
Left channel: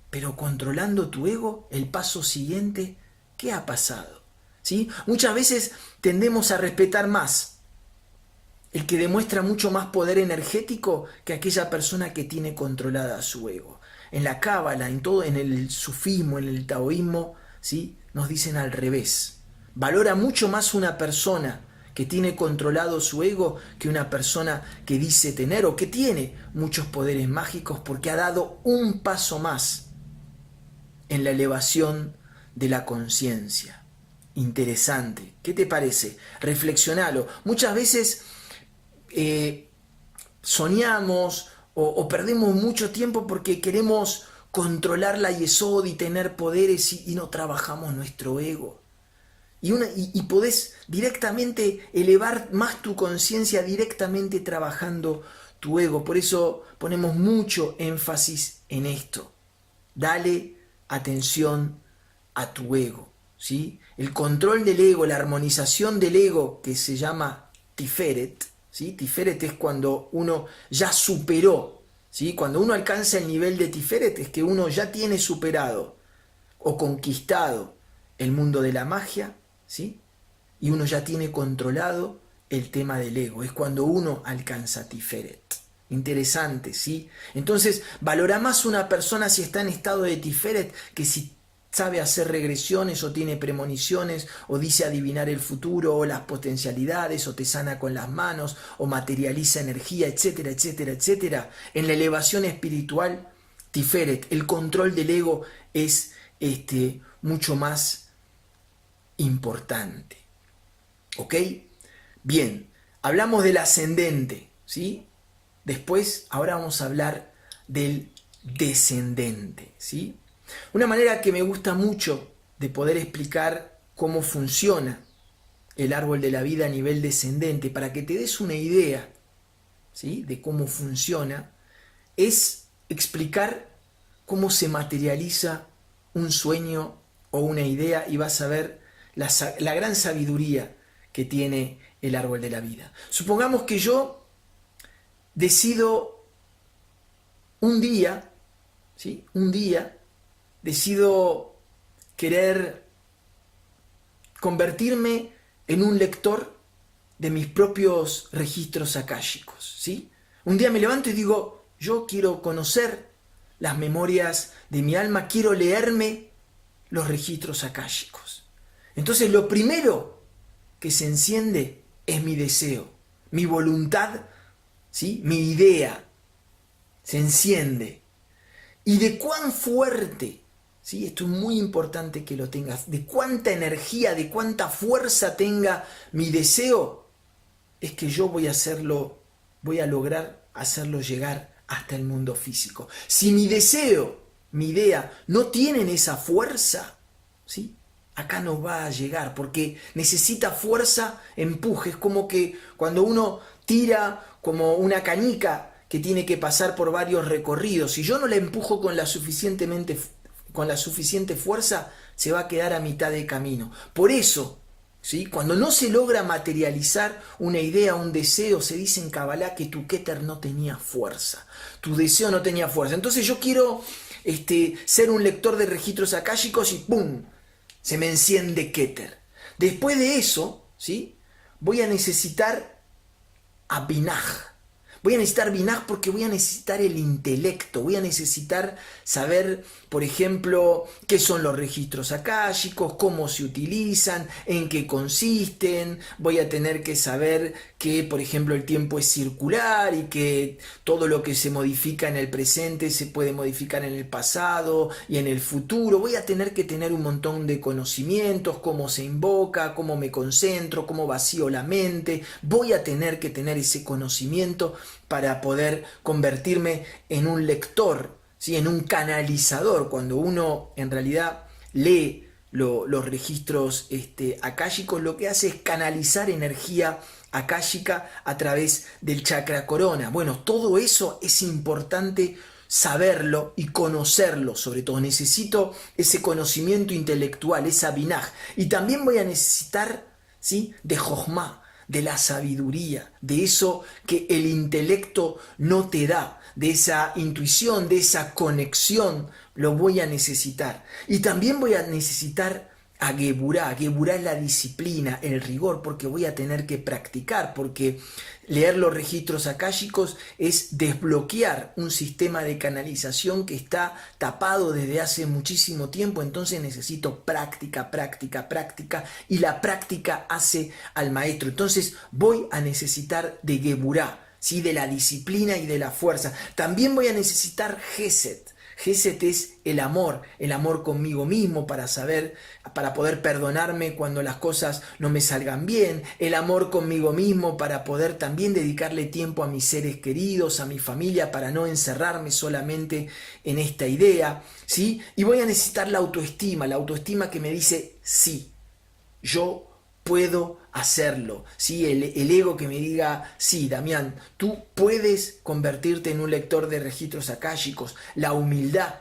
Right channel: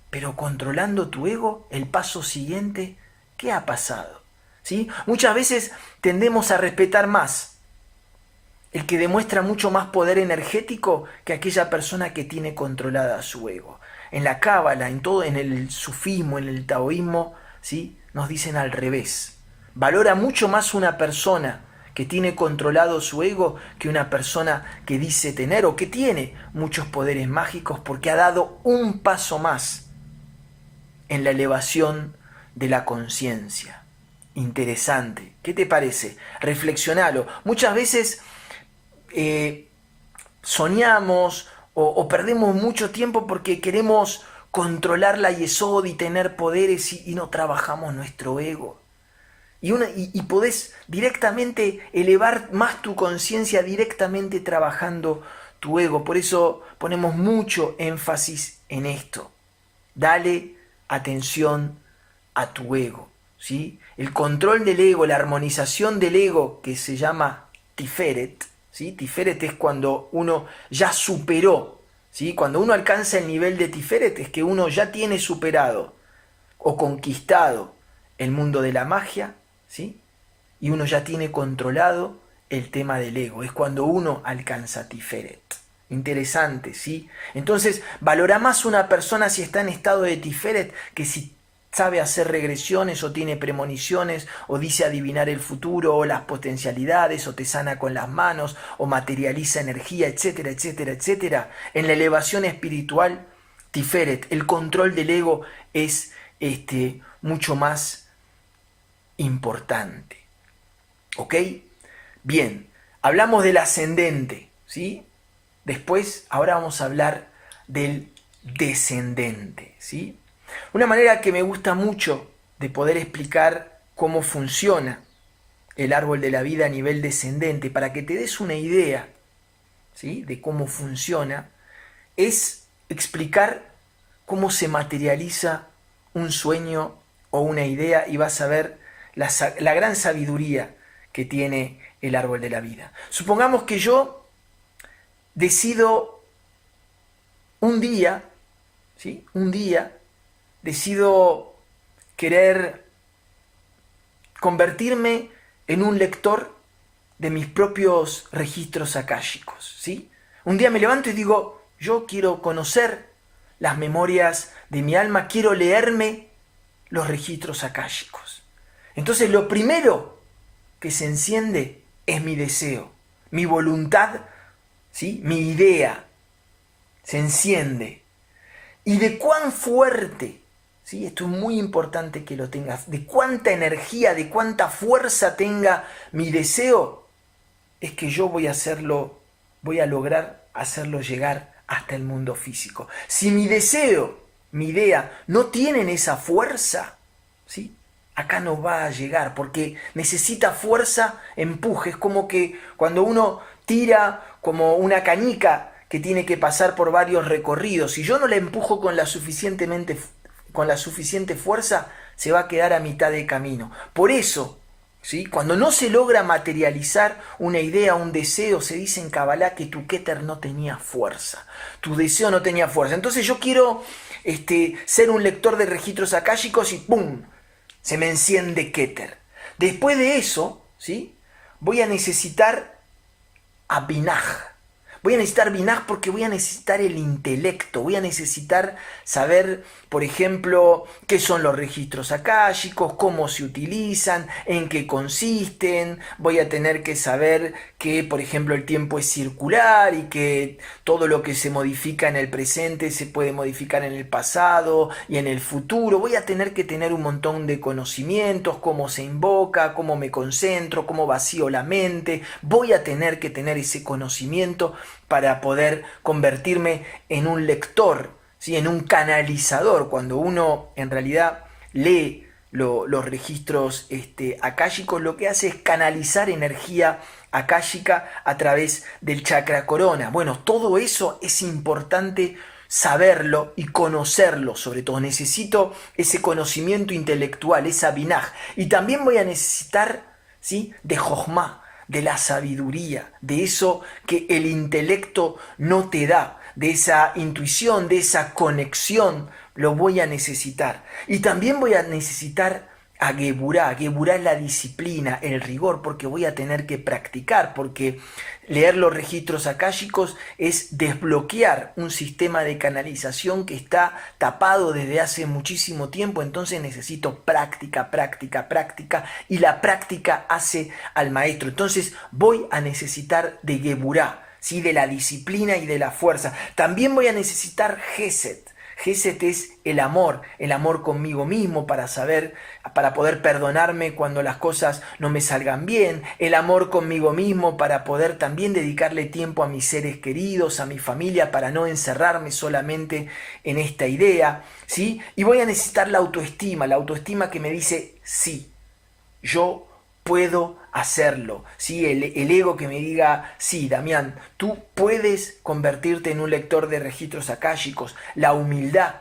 pero controlando tu ego, el paso siguiente, ¿qué ha pasado? ¿Sí? Muchas veces tendemos a respetar más el que demuestra mucho más poder energético que aquella persona que tiene controlada su ego. En la cábala, en todo, en el sufismo, en el taoísmo, ¿sí? Nos dicen al revés. Valora mucho más una persona que tiene controlado su ego que una persona que dice tener o que tiene muchos poderes mágicos porque ha dado un paso más en la elevación de la conciencia. Interesante. ¿Qué te parece? Reflexionalo. Muchas veces soñamos o perdemos mucho tiempo porque queremos controlar la yesod y tener poderes y no trabajamos nuestro ego. Y podés directamente elevar más tu conciencia directamente trabajando tu ego. Por eso ponemos mucho énfasis en esto. Dale atención a tu ego, ¿sí? El control del ego, la armonización del ego, que se llama Tiferet, ¿sí? Tiferet es cuando uno ya superó, ¿sí? Cuando uno alcanza el nivel de Tiferet es que uno ya tiene superado o conquistado el mundo de la magia, ¿sí? Y uno ya tiene controlado el tema del ego. Es cuando uno alcanza Tiferet. Interesante, ¿sí? Entonces, valora más una persona si está en estado de Tiferet que si sabe hacer regresiones o tiene premoniciones o dice adivinar el futuro o las potencialidades o te sana con las manos o materializa energía, etcétera, etcétera, etcétera. En la elevación espiritual, Tiferet, el control del ego es mucho más importante. ¿Ok? Bien, hablamos del ascendente, ¿sí? Después, ahora vamos a hablar del descendente, ¿sí? Una manera que me gusta mucho de poder explicar cómo funciona el árbol de la vida a nivel descendente, para que te des una idea, ¿sí?, de cómo funciona, es explicar cómo se materializa un sueño o una idea y vas a ver la gran sabiduría que tiene el árbol de la vida. Supongamos que yo decido un día, ¿sí?, un día, decido querer convertirme en un lector de mis propios registros akáshicos, ¿sí? Un día me levanto y digo, yo quiero conocer las memorias de mi alma, quiero leerme los registros akáshicos. Entonces lo primero que se enciende es mi deseo, mi voluntad, ¿sí?, mi idea se enciende. Y de cuán fuerte, ¿sí?, esto es muy importante que lo tengas, de cuánta energía, de cuánta fuerza tenga mi deseo, es que yo voy a lograr hacerlo llegar hasta el mundo físico. Si mi deseo, mi idea, no tienen esa fuerza, ¿sí?, acá no va a llegar, porque necesita fuerza, empuje. Es como que cuando uno tira como una canica que tiene que pasar por varios recorridos, si yo no la empujo con la suficiente fuerza, se va a quedar a mitad de camino. Por eso, ¿sí?, cuando no se logra materializar una idea, un deseo, se dice en Kabbalah que tu Keter no tenía fuerza, tu deseo no tenía fuerza. Entonces yo quiero ser un lector de registros akáshicos y ¡pum!, se me enciende Keter. Después de eso, ¿sí?, voy a necesitar a Binaj. Voy a necesitar Binaj porque voy a necesitar el intelecto, voy a necesitar saber, por ejemplo, qué son los registros akáshicos, cómo se utilizan, en qué consisten. Voy a tener que saber que, por ejemplo, el tiempo es circular y que todo lo que se modifica en el presente se puede modificar en el pasado y en el futuro. Voy a tener que tener un montón de conocimientos, cómo se invoca, cómo me concentro, cómo vacío la mente. Voy a tener que tener ese conocimiento para poder convertirme en un lector, ¿sí?, en un canalizador. Cuando uno en realidad lee los registros akáshicos, lo que hace es canalizar energía akáshica a través del chakra corona. Bueno, todo eso es importante saberlo y conocerlo. Sobre todo necesito ese conocimiento intelectual, esa binaj. Y también voy a necesitar, ¿sí? De Jochma, de la sabiduría, de eso que el intelecto no te da, de esa intuición, de esa conexión, lo voy a necesitar. Y también voy a necesitar a Geburá. Geburá es la disciplina, el rigor, porque voy a tener que practicar, porque leer los registros akáshicos es desbloquear un sistema de canalización que está tapado desde hace muchísimo tiempo, entonces necesito práctica, práctica, práctica, y la práctica hace al maestro. Entonces voy a necesitar de Geburá, ¿sí? De la disciplina y de la fuerza. También voy a necesitar Gesed. Gesed es el amor conmigo mismo para poder perdonarme cuando las cosas no me salgan bien, el amor conmigo mismo para poder también dedicarle tiempo a mis seres queridos, a mi familia, para no encerrarme solamente en esta idea, ¿sí? Y voy a necesitar la autoestima que me dice, sí, yo puedo hacerlo, ¿sí? El ego que me diga, sí, Damián, tú puedes convertirte en un lector de registros akáshicos. La humildad,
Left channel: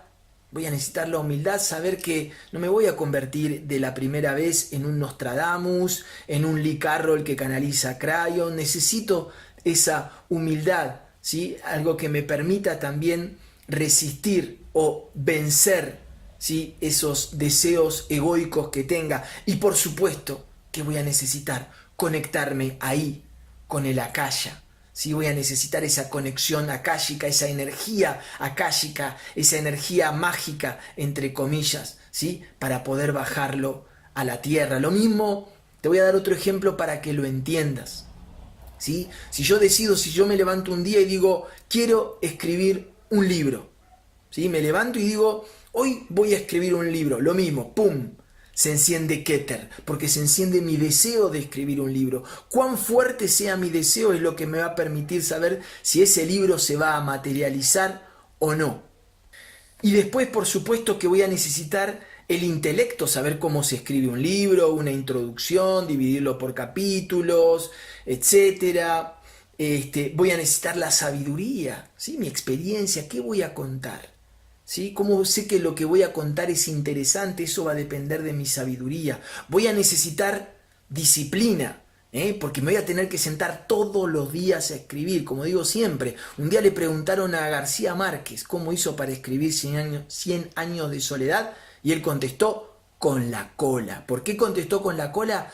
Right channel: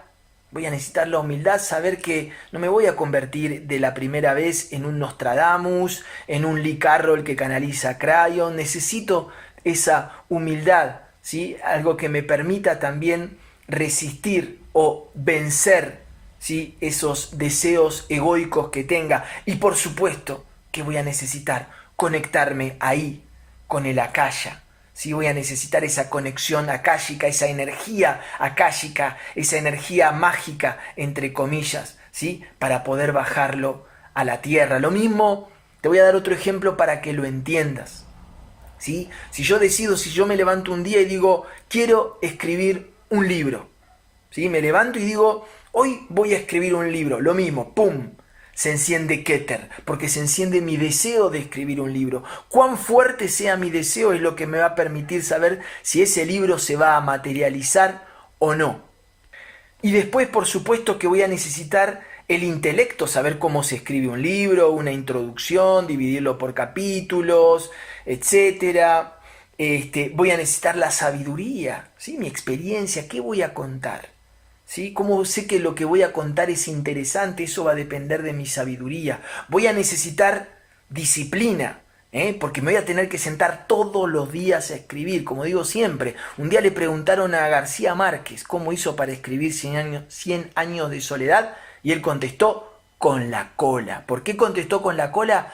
voy a necesitar la humildad, saber que no me voy a convertir de la primera vez en un Nostradamus, en un Lee Carroll que canaliza Crayon. Necesito esa humildad, ¿sí? Algo que me permita también resistir o vencer, ¿sí? Esos deseos egoicos que tenga. Y por supuesto que voy a necesitar conectarme ahí con el Akasha. ¿Sí? Voy a necesitar esa conexión akáshica, esa energía akáshica, esa energía mágica, entre comillas, ¿sí? Para poder bajarlo a la tierra. Lo mismo, te voy a dar otro ejemplo para que lo entiendas, ¿sí? Si yo me levanto un día y digo, quiero escribir un libro, ¿sí? Me levanto y digo, hoy voy a escribir un libro, lo mismo, ¡pum! Se enciende Keter, porque se enciende mi deseo de escribir un libro. Cuán fuerte sea mi deseo es lo que me va a permitir saber si ese libro se va a materializar o no. Y después, por supuesto, que voy a necesitar el intelecto, saber cómo se escribe un libro, una introducción, dividirlo por capítulos, etc. Voy a necesitar la sabiduría, ¿sí? Mi experiencia, ¿qué voy a contar? ¿Sí? ¿Cómo sé que lo que voy a contar es interesante? Eso va a depender de mi sabiduría. Voy a necesitar disciplina, porque me voy a tener que sentar todos los días a escribir, como digo siempre. Un día le preguntaron a García Márquez cómo hizo para escribir 100 años de soledad, y él contestó con la cola. ¿Por qué contestó con la cola?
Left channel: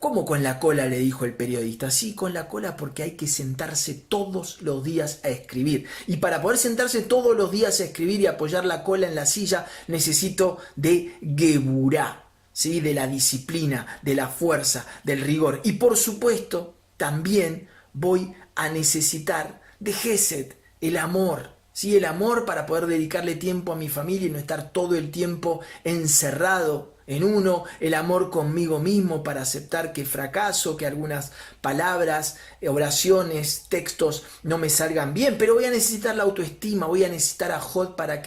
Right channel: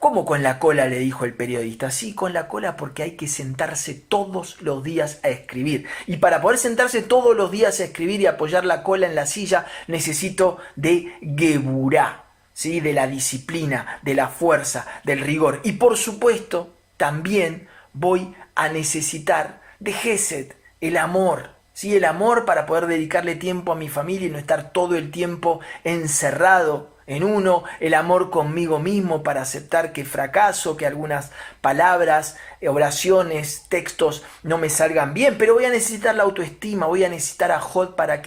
¿Cómo con la cola?, le dijo el periodista. Sí, con la cola, porque hay que sentarse todos los días a escribir. Y para poder sentarse todos los días a escribir y apoyar la cola en la silla, necesito de Geburá, ¿sí? De la disciplina, de la fuerza, del rigor. Y por supuesto, también voy a necesitar de Gesed, el amor. ¿Sí? El amor para poder dedicarle tiempo a mi familia y no estar todo el tiempo encerrado en uno, el amor conmigo mismo para aceptar que fracaso, que algunas palabras, oraciones, textos no me salgan bien, pero voy a necesitar la autoestima, voy a necesitar a Jod para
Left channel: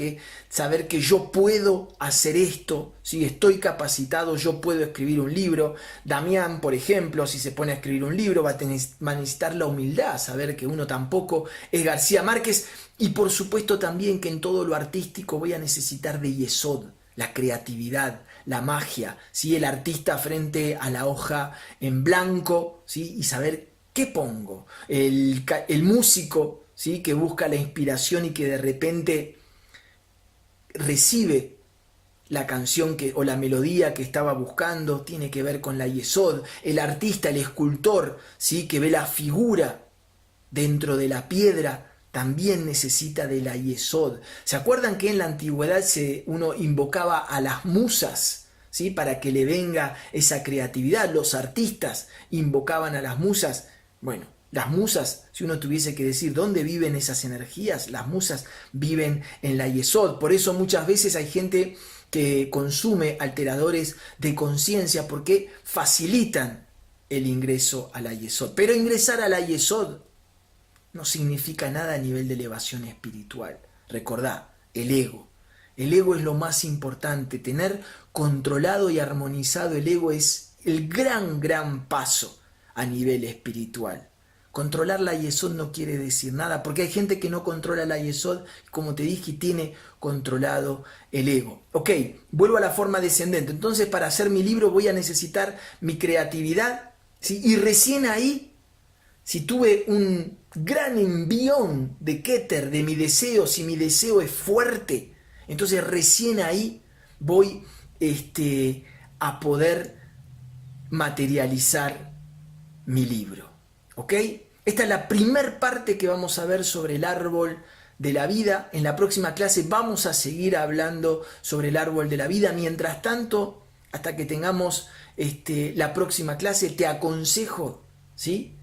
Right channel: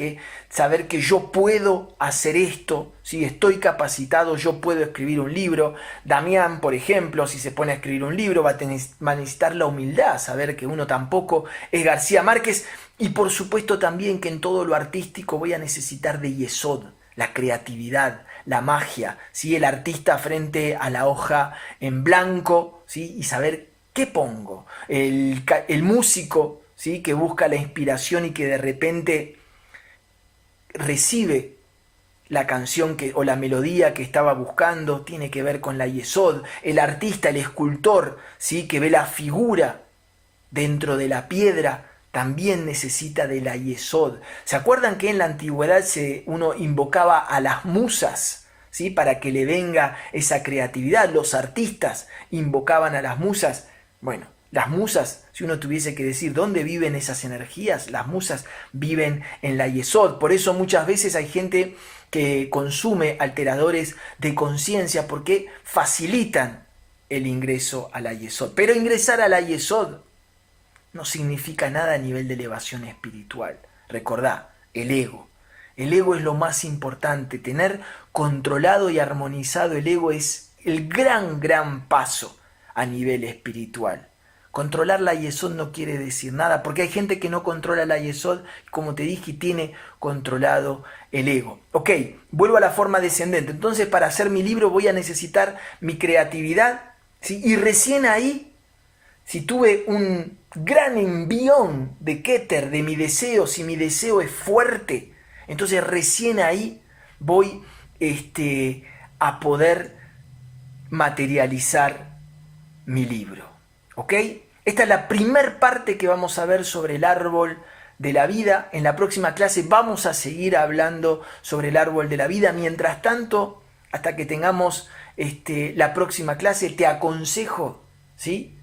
saber que yo puedo hacer esto, ¿sí? Estoy capacitado, yo puedo escribir un libro. Damián, por ejemplo, si se pone a escribir un libro, va a necesitar la humildad, saber que uno tampoco es García Márquez, y por supuesto también que en todo lo artístico voy a necesitar de Yesod, la creatividad, la magia, ¿sí? El artista frente a la hoja en blanco, ¿sí? Y saber qué pongo. El músico, ¿sí? Que busca la inspiración y que de repente recibe la canción o la melodía que estaba buscando, tiene que ver con la Yesod. El artista, el escultor, ¿sí? Que ve la figura dentro de la piedra, también necesita de la Yesod. ¿Se acuerdan que en la antigüedad uno invocaba a las musas, ¿sí? Para que le venga esa creatividad? Los artistas invocaban a las musas. Bueno, las musas, si uno tuviese que decir dónde viven esas energías, las musas viven en la Yesod. Por eso muchas veces hay gente que consume alteradores de conciencia porque facilitan el ingreso a la Yesod. Pero ingresar a la Yesod no significa nada a nivel de elevación espiritual. Recordá, el ego. El ego es lo más importante. Tener controlado y armonizado el ego es el gran paso a nivel espiritual. Controlar la Yesod no quiere decir nada, porque hay gente que no controla la Yesod, como te dije, y tiene controlado el ego. Ok, vuelvo a la forma descendente. Entonces, para hacer mi libro voy a necesitar mi creatividad, ¿sí? Y recién ahí, si tuve un gran envión de Keter, de mi deseo, si mi deseo es fuerte, entonces recién ahí voy a poder materializar mi libro. ¿Ok? Esta es la primer parte que vamos a ver sobre el árbol de la vida. En la próxima clase vamos a seguir hablando sobre el árbol de la vida. Mientras tanto, hasta que tengamos la próxima clase, te aconsejo, ¿sí?,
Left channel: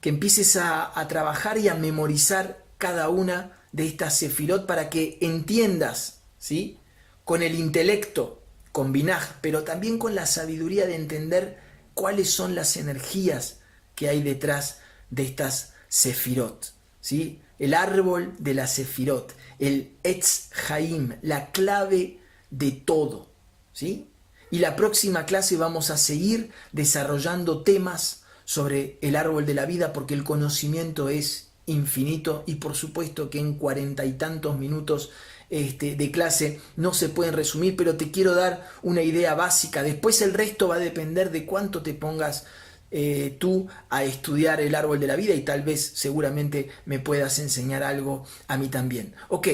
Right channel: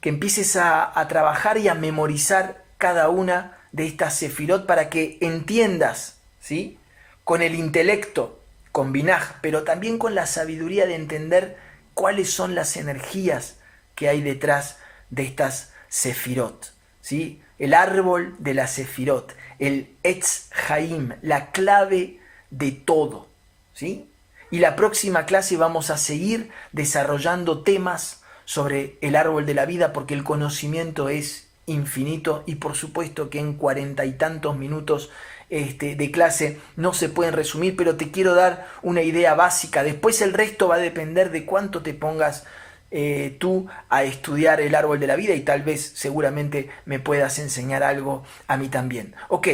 que empieces a trabajar y a memorizar cada una de estas sefirot para que entiendas, ¿sí?, con el intelecto, con Binaj, pero también con la sabiduría de entender cuáles son las energías que hay detrás de estas sefirot, ¿sí? El árbol de la sefirot, el Etz Haim, la clave de todo, ¿sí? Y la próxima clase vamos a seguir desarrollando temas sobre el árbol de la vida, porque el conocimiento es infinito y por supuesto que en 40 y tantos minutos de clase no se pueden resumir, pero te quiero dar una idea básica. Después el resto va a depender de cuánto te pongas tú a estudiar el árbol de la vida y tal vez seguramente me puedas enseñar algo a mí también. Ok,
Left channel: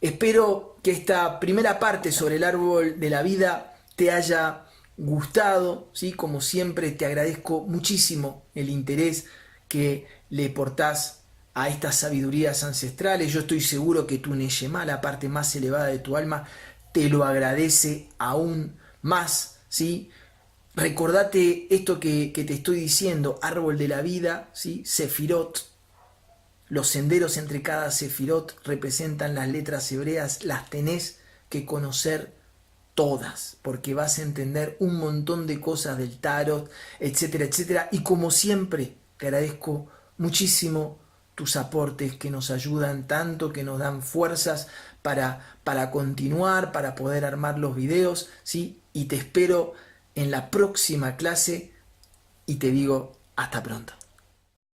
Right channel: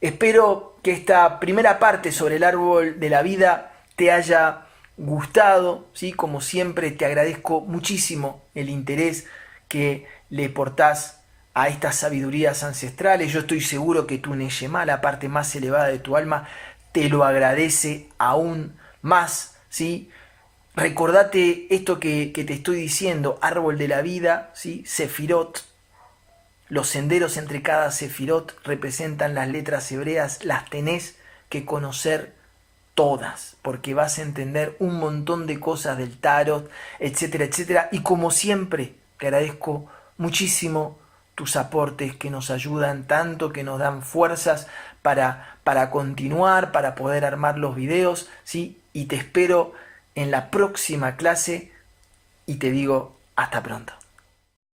espero que esta primera parte sobre el árbol de la vida te haya gustado, ¿sí? Como siempre te agradezco muchísimo el interés que le portás a estas sabidurías ancestrales. Yo estoy seguro que tu Neyemá, la parte más elevada de tu alma, te lo agradece aún más, ¿sí? Recordate esto que te estoy diciendo, árbol de la vida, ¿sí? Sefirot. Los senderos entre cada sefirot representan las letras hebreas, las tenés que conocer todas, porque vas a entender un montón de cosas del tarot, etcétera, etcétera. Y como siempre, te agradezco muchísimo tus aportes que nos ayudan tanto, que nos dan fuerzas para continuar, para poder armar los videos, ¿sí? Y te espero en la próxima clase y te digo hasta pronto.